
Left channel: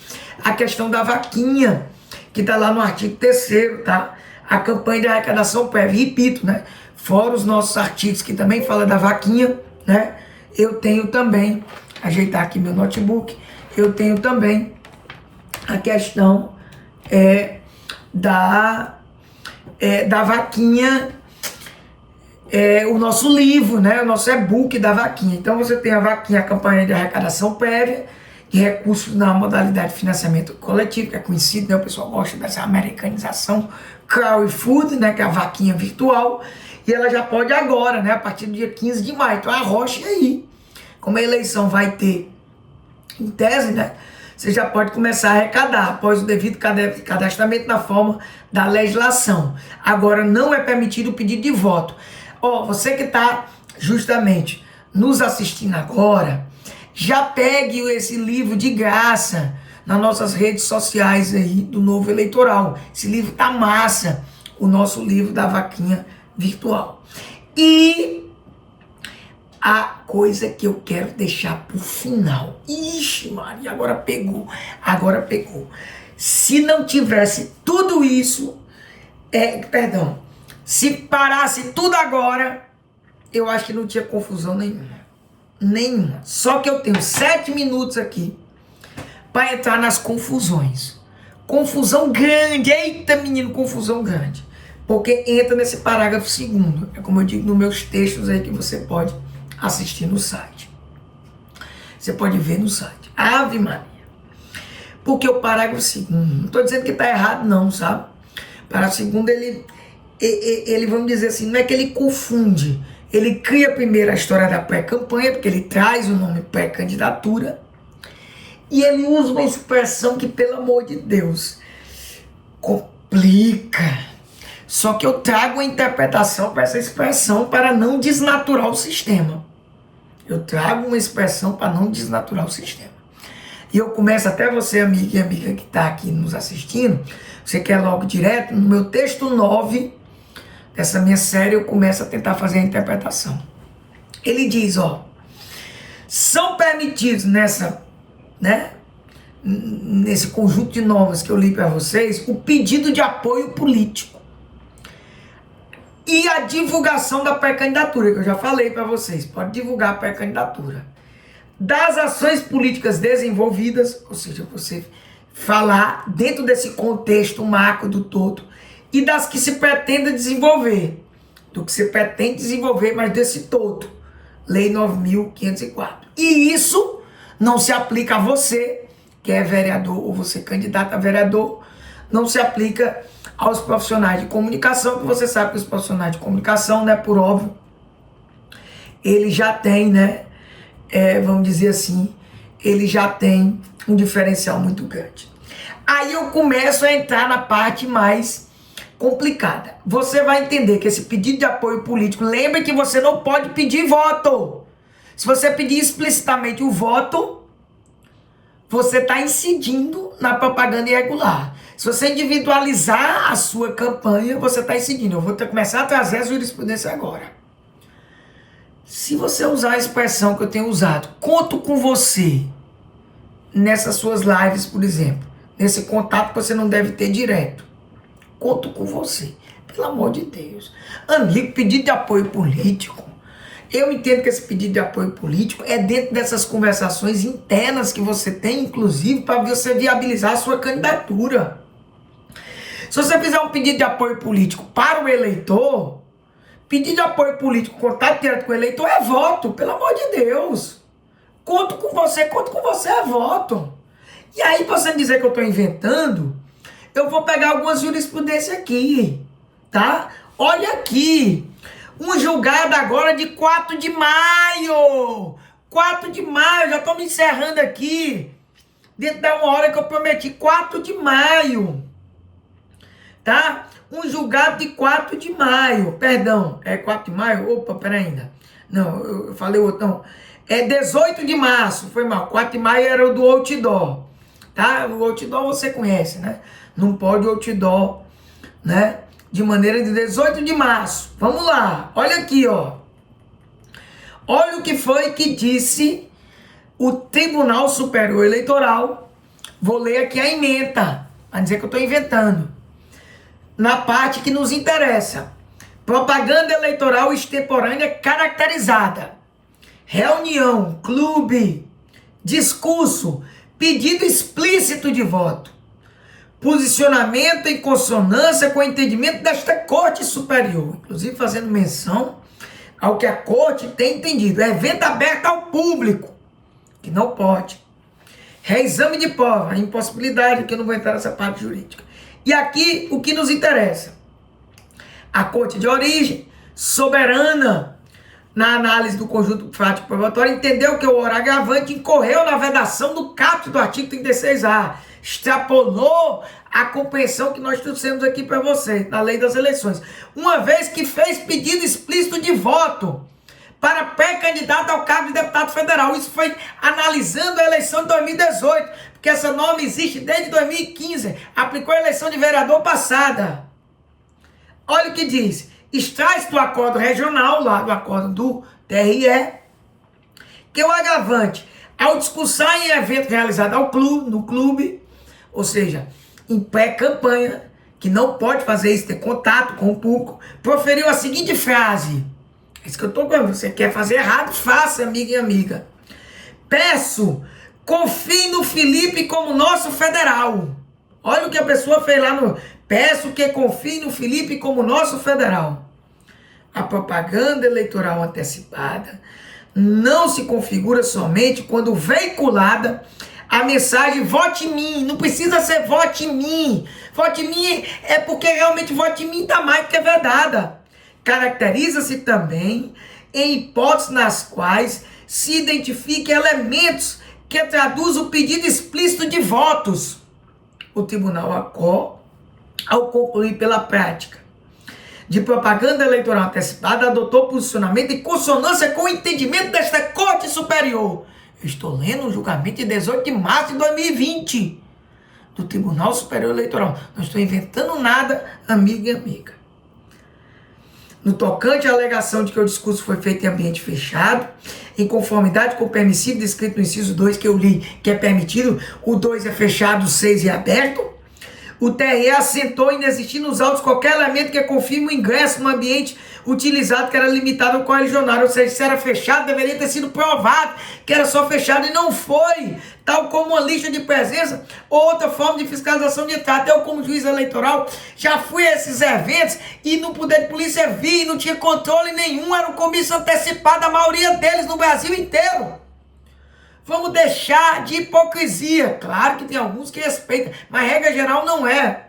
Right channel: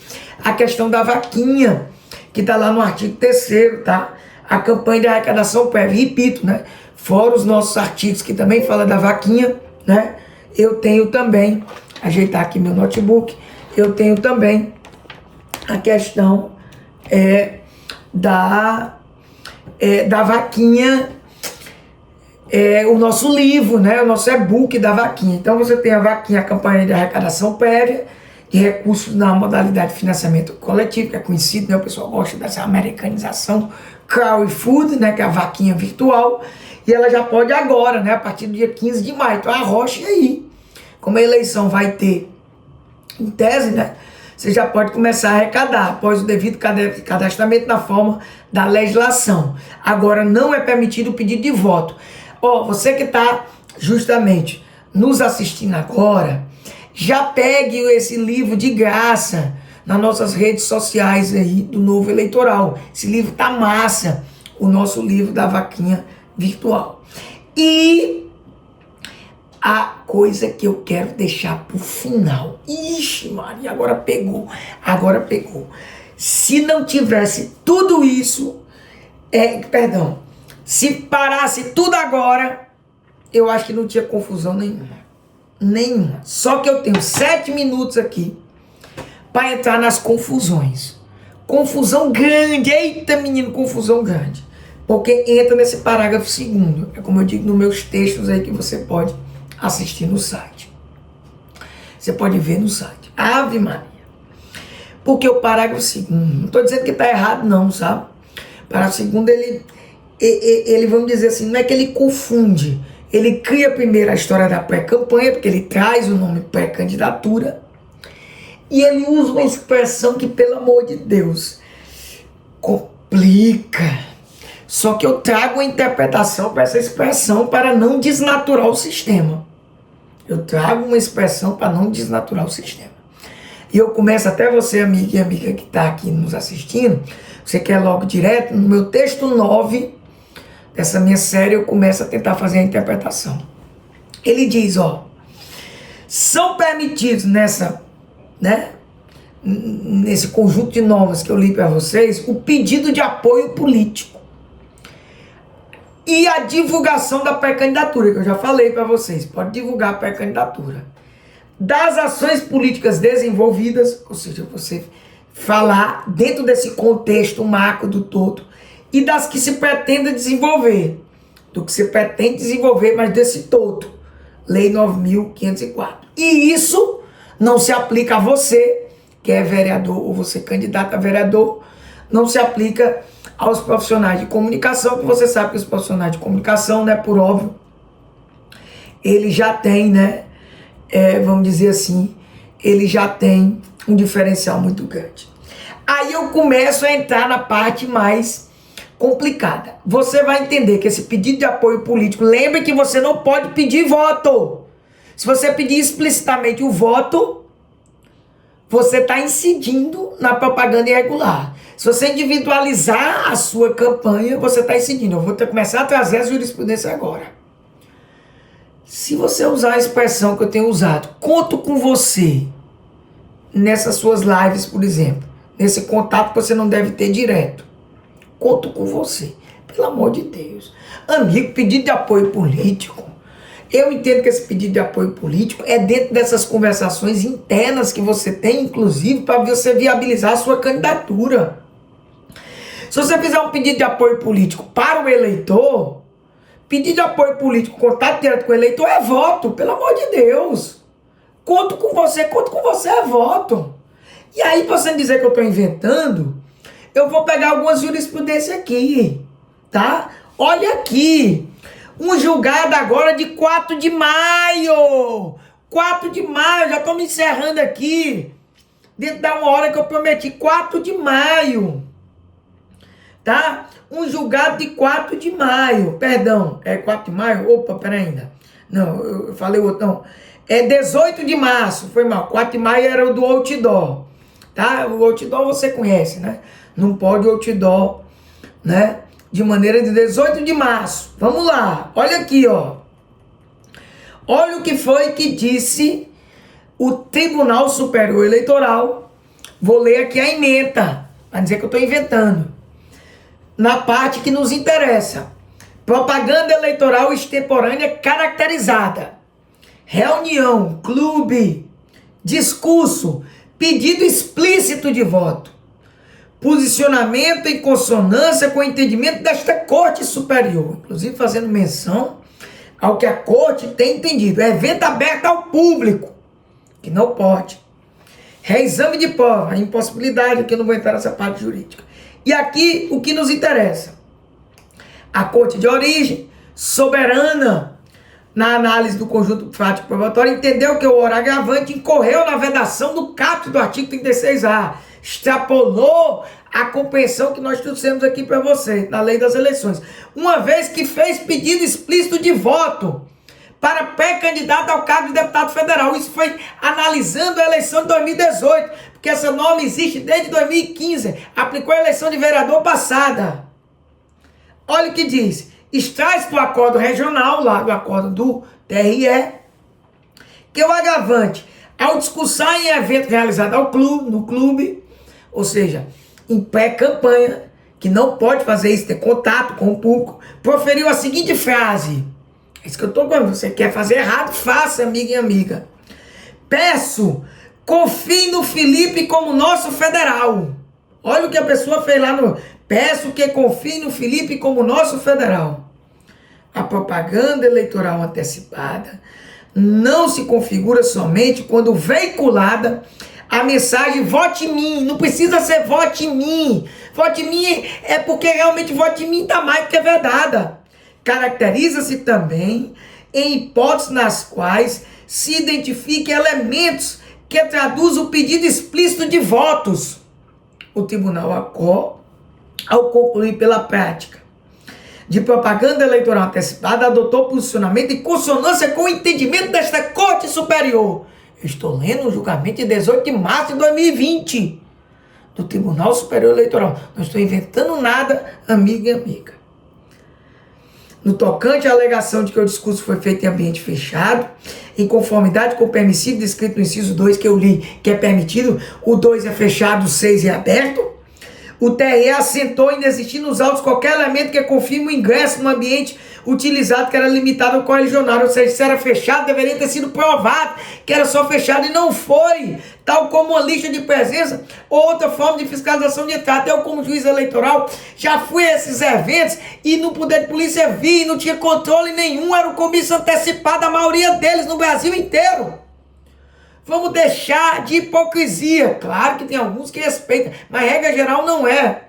A questão da vaquinha, que está lá no artigo 3º, tá? A campanha de arrecadação prévia, repito, né? Fora os nossos artigos que também falam da vaquinha, né? Eu tenho também, ajeitar aqui meu notebook, eu tenho também a questão da vaquinha, o nosso livro, né? O nosso e-book da vaquinha. Então você tem a vaquinha, a campanha de arrecadação prévia, de recursos na modalidade de financiamento coletivo, que é conhecido, né? O pessoal gosta dessa americanização, crowdfunding, né? Que é a vaquinha virtual, e ela já pode agora, né? A partir do dia 15 de maio. Então arroche aí. Como a eleição vai ter, em tese, né? Você já pode começar a arrecadar após o devido cadastramento na forma da legislação. Agora, não é permitido o pedido de voto. Você que está justamente nos assistindo agora, já pegue esse livro de graça nas nossas redes sociais aí do Novo Eleitoral. Esse livro tá massa, o nosso livro da vaquinha virtual. E a coisa que eu quero deixar pro final. Ixi, Maria, agora pegou. Se não tivesse tudo isso, se parasse tudo agora, eu acho que não tinha confusão nenhuma. Só que eu tenho 7 minutos aqui para entrar nas confusões. Confusão grande, eita menino, confusão grande. Porque entra nesse parágrafo 2º. É como eu digo nos meus textos aí que você pode assistir no site. Você pode ver no site. Ave Maria. Porque o parágrafo 2º, não estou dizendo que está errado não, sabe? O parágrafo 2º, ele, vamos dizer assim, não é que ele confunde. Ele cria primeiro a história da pré-campanha, porque ele traz o nome pré-candidatura, e ele usa uma expressão que, pelo amor de Deus, complica. Só que eu trago uma interpretação para essa expressão para não desnaturar o sistema. Eu trago uma expressão para não desnaturar o sistema. E eu começo, até você, amiga e amiga que está aqui nos assistindo, você quer logo direto, no meu texto 9 dessa minha série, eu começo a tentar fazer a interpretação. Ele diz, são permitidos nesse conjunto de normas que eu li para vocês, o pedido de apoio político e a divulgação da pré-candidatura, que eu já falei para vocês, pode divulgar a pré-candidatura, das ações políticas desenvolvidas, ou seja, você falar dentro desse contexto macro do todo, e das que se pretende desenvolver, do que se pretende desenvolver, mas desse todo, Lei 9.504. E isso não se aplica a você, que é vereador, ou você candidato a vereador, não se aplica aos profissionais de comunicação, que você sabe que os profissionais de comunicação, né, por óbvio, ele já tem, né, vamos dizer assim, ele já tem um diferencial muito grande. Aí eu começo a entrar na parte mais complicada. Você vai entender que esse pedido de apoio político, lembre que você não pode pedir voto. Se você pedir explicitamente o voto, você está incidindo na propaganda irregular. Se você individualizar a sua campanha, você está incidindo. Eu vou começar a trazer a jurisprudência agora. Se você usar a expressão que eu tenho usado, conto com você, nessas suas lives, por exemplo, nesse contato que você não deve ter direto, conto com você, pelo amor de Deus. Amigo, pedido de apoio político, eu entendo que esse pedido de apoio político é dentro dessas conversações internas que você tem, inclusive, para você viabilizar a sua candidatura. Se você fizer um pedido de apoio político para o eleitor, pedido de apoio político, contato direto com o eleitor é voto, pelo amor de Deus. Conto com você é voto. E aí, pra você dizer que eu estou inventando, eu vou pegar algumas jurisprudências aqui, tá? Olha aqui, um julgado agora de 4 de maio. 4 de maio, já estou me encerrando aqui. Dentro da uma hora que eu prometi, 4 de maio. Tá? Um julgado de 4 de maio. Perdão, é 4 de maio? Opa, peraí ainda. Não, eu falei outro, não. É 18 de março, foi mal. 4 de maio era o do outdoor. Tá? O outdoor você conhece, né? Não pode outdoor, né? De maneira de 18 de março. Vamos lá, olha aqui, ó. Olha o que foi que disse o Tribunal Superior Eleitoral. Vou ler aqui a ementa, para dizer que eu estou inventando. Na parte que nos interessa. Propaganda eleitoral extemporânea caracterizada. Reunião, clube, discurso, pedido explícito de voto. Posicionamento em consonância com o entendimento desta Corte Superior. Inclusive fazendo menção ao que a Corte tem entendido. É evento aberto ao público, que não pode. Reexame de prova, a impossibilidade, que eu não vou entrar nessa parte jurídica. E aqui o que nos interessa. A Corte de origem, soberana, na análise do conjunto fático probatório, entendeu que o ora agravante incorreu na vedação do caput do artigo 36A. Extrapolou a compreensão que nós trouxemos aqui para você, na lei das eleições. Uma vez que fez pedido explícito de voto para pré-candidato ao cargo de deputado federal. Isso foi analisando a eleição de 2018, porque essa norma existe desde 2015. Aplicou a eleição de vereador passada. Olha o que diz. Extrai-se do acordo regional, lá do acordo do TRE, que o agravante, ao discursar em evento realizado no clube, ou seja, em pré-campanha, que não pode fazer isso, ter contato com o público, proferiu a seguinte frase. Isso que eu estou falando, você quer fazer errado, faça, amiga e amiga. Peço, confie no Felipe como nosso federal. Olha o que a pessoa fez lá no... Peço que confie no Felipe como nosso federal. A propaganda eleitoral antecipada não se configura somente quando veiculada a mensagem vote em mim. Não precisa ser vote em mim. Vote em mim é porque realmente vote em mim está mais do que vedada. Caracteriza-se também em hipóteses nas quais se identifiquem elementos que traduzem o pedido explícito de votos. O Tribunal acolhe, ao concluir pela prática de propaganda eleitoral antecipada, adotou posicionamento em consonância com o entendimento desta Corte Superior. Eu estou lendo o julgamento de 18 de março de 2020 do Tribunal Superior Eleitoral. Não estou inventando nada, amiga e amiga. No tocante à alegação de que o discurso foi feito em ambiente fechado, em conformidade com o permissivo descrito no inciso 2 que eu li, que é permitido, o 2 é fechado, o 6 é aberto, O TRE assentou em desistir nos autos qualquer elemento que confirme o ingresso no ambiente utilizado, que era limitado ao correligionário. Ou seja, se era fechado, deveria ter sido provado que era só fechado e não foi. Tal como uma lista de presença ou outra forma de fiscalização de entrada. Eu, como juiz eleitoral, já fui a esses eventos e no poder de polícia vi, não tinha controle nenhum, era um comício antecipado, a maioria deles no Brasil inteiro. Vamos deixar de hipocrisia. Claro que tem alguns que respeitam, mas regra geral não é.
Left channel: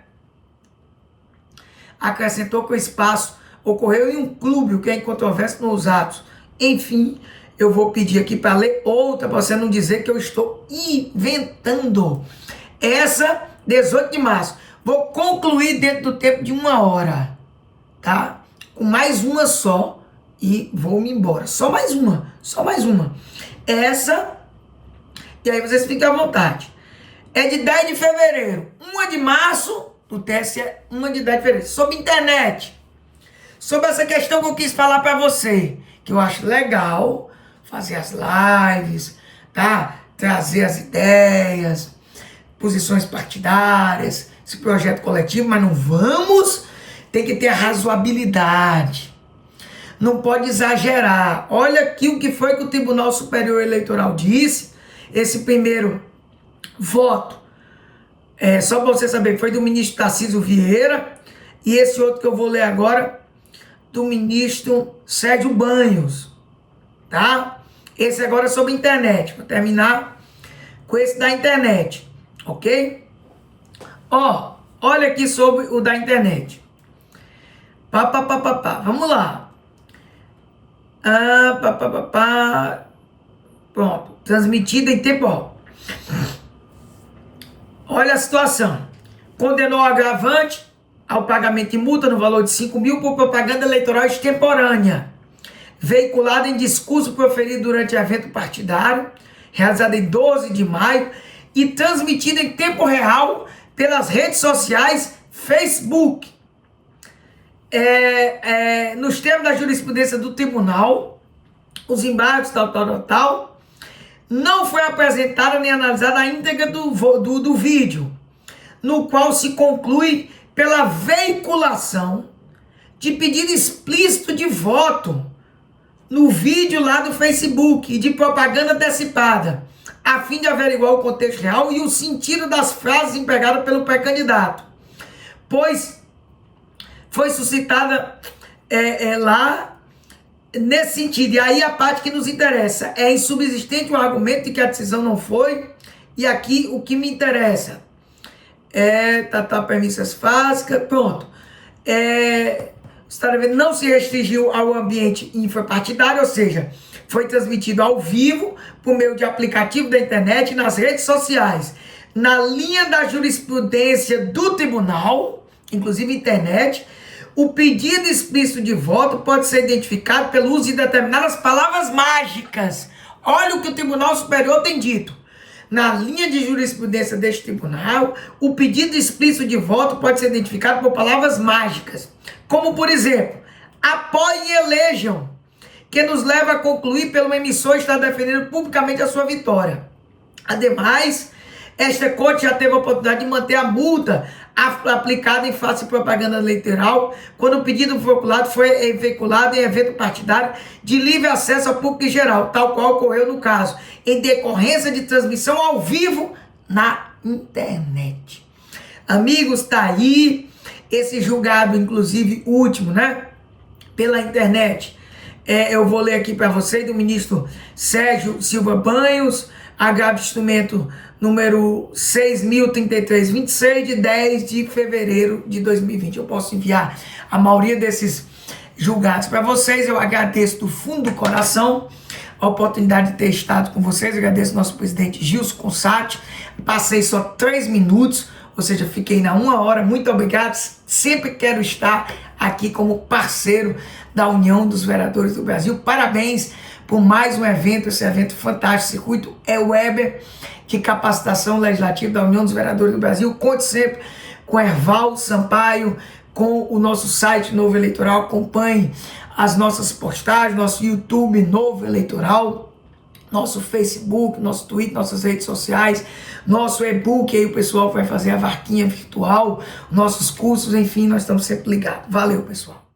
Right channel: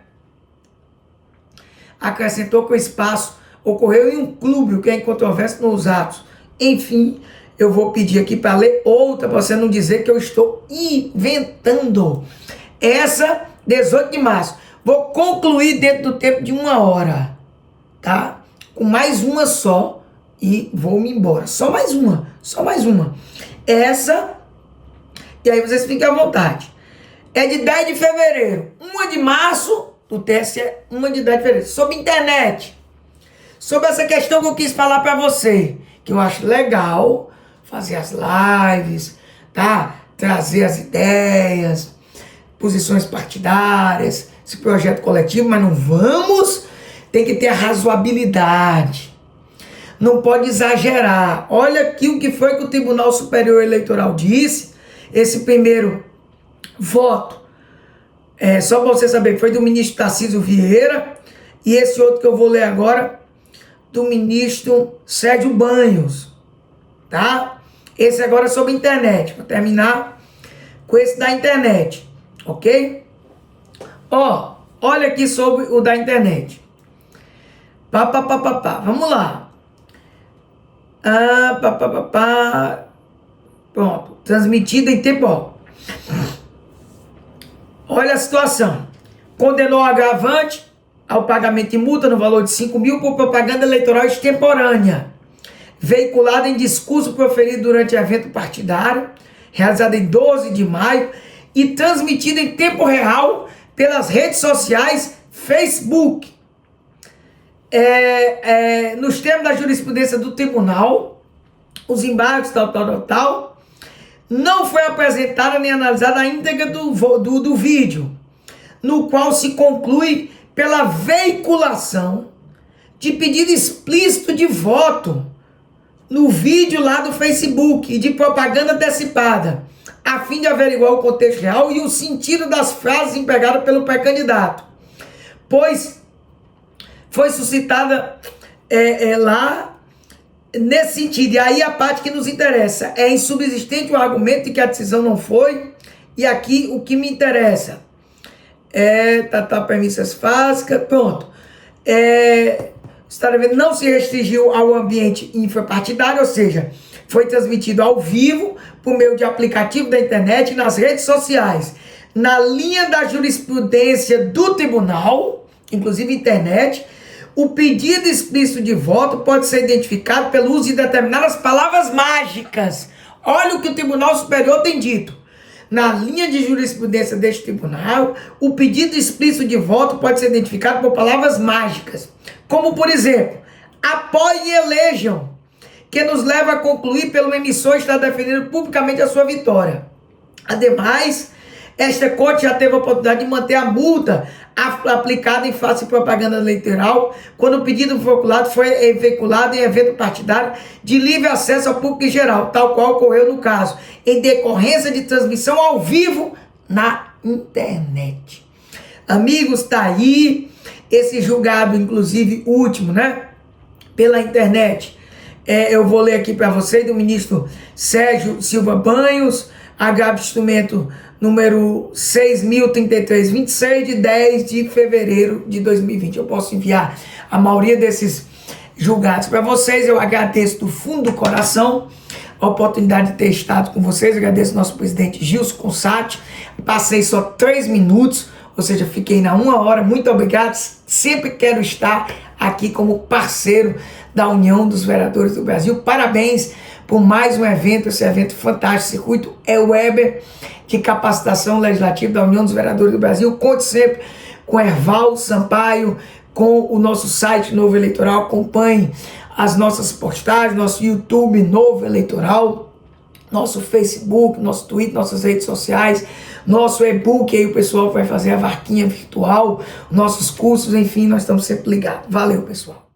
Acrescentou que o espaço ocorreu em um clube, o que é incontroverso nos atos. Enfim, eu vou pedir aqui para ler outra, para você não dizer que eu estou inventando. Essa, 18 de março. Vou concluir dentro do tempo de 1 hora, tá? Com mais uma só e vou-me embora. Só mais uma. Essa, e aí vocês fiquem à vontade. É de 10 de fevereiro. 1 de março, do TSE, 1 de 10 de fevereiro. Sobre internet. Sobre essa questão que eu quis falar para você. Que eu acho legal fazer as lives, tá? Trazer as ideias, posições partidárias, esse projeto coletivo, mas não vamos, tem que ter a razoabilidade. Não pode exagerar. Olha aqui o que foi que o Tribunal Superior Eleitoral disse. Esse primeiro voto, só para você saber, foi do ministro Tarcísio Vieira, e esse outro que eu vou ler agora, do ministro Sérgio Banhos, tá? Esse agora é sobre internet, vou terminar com esse da internet, ok? Ó, olha aqui sobre o da internet. Vamos lá. Pronto, transmitido em tempo. Ó. Olha a situação. Condenou o agravante ao pagamento de multa no valor de 5 mil por propaganda eleitoral extemporânea, veiculada em discurso proferido durante evento partidário, realizado em 12 de maio e transmitido em tempo real pelas redes sociais Facebook. Nos termos da jurisprudência do tribunal, os embargos tal, não foi apresentada nem analisada a íntegra do vídeo, no qual se conclui pela veiculação de pedido explícito de voto no vídeo lá do Facebook e de propaganda antecipada, a fim de averiguar o contexto real e o sentido das frases empregadas pelo pré-candidato, pois foi suscitada lá nesse sentido. E aí a parte que nos interessa é insubsistente o argumento de que a decisão não foi, e aqui o que me interessa premissas básicas, pronto. Não se restringiu ao ambiente infrapartidário, ou seja, foi transmitido ao vivo por meio de aplicativo da internet nas redes sociais, na linha da jurisprudência do tribunal, inclusive internet. O pedido explícito de voto pode ser identificado pelo uso de determinadas palavras mágicas. Olha o que o Tribunal Superior tem dito. Na linha de jurisprudência deste tribunal, o pedido explícito de voto pode ser identificado por palavras mágicas, como, por exemplo, apoie e elejam, que nos leva a concluir pelo emissor estar defendendo publicamente a sua vitória. Ademais, esta corte já teve a oportunidade de manter a multa aplicada em face de propaganda eleitoral quando o pedido foi veiculado em evento partidário de livre acesso ao público em geral, tal qual ocorreu no caso, em decorrência de transmissão ao vivo na internet. Amigos, tá aí esse julgado, inclusive último, né? Pela internet. Eu vou ler aqui para vocês do ministro Sérgio Silva Banhos, agravo de instrumento número 6.033/26, de 10 de fevereiro de 2020. Eu posso enviar a maioria desses julgados para vocês. Eu agradeço do fundo do coração a oportunidade de ter estado com vocês. Eu agradeço ao nosso presidente Gilson Consati. Passei só 3 minutos, ou seja, fiquei na 1 hora. Muito obrigado. Sempre quero estar aqui como parceiro da União dos Vereadores do Brasil. Parabéns por mais um evento, esse evento fantástico, Circuito Weber de Capacitação Legislativa da União dos Vereadores do Brasil. Conte sempre com Erval Sampaio, com o nosso site Novo Eleitoral. Acompanhe as nossas postagens, nosso YouTube Novo Eleitoral. nosso Facebook, nosso Twitter, nossas redes sociais, nosso e-book, aí o pessoal vai fazer a vaquinha virtual, nossos cursos, enfim, nós estamos sempre ligados. Valeu, pessoal.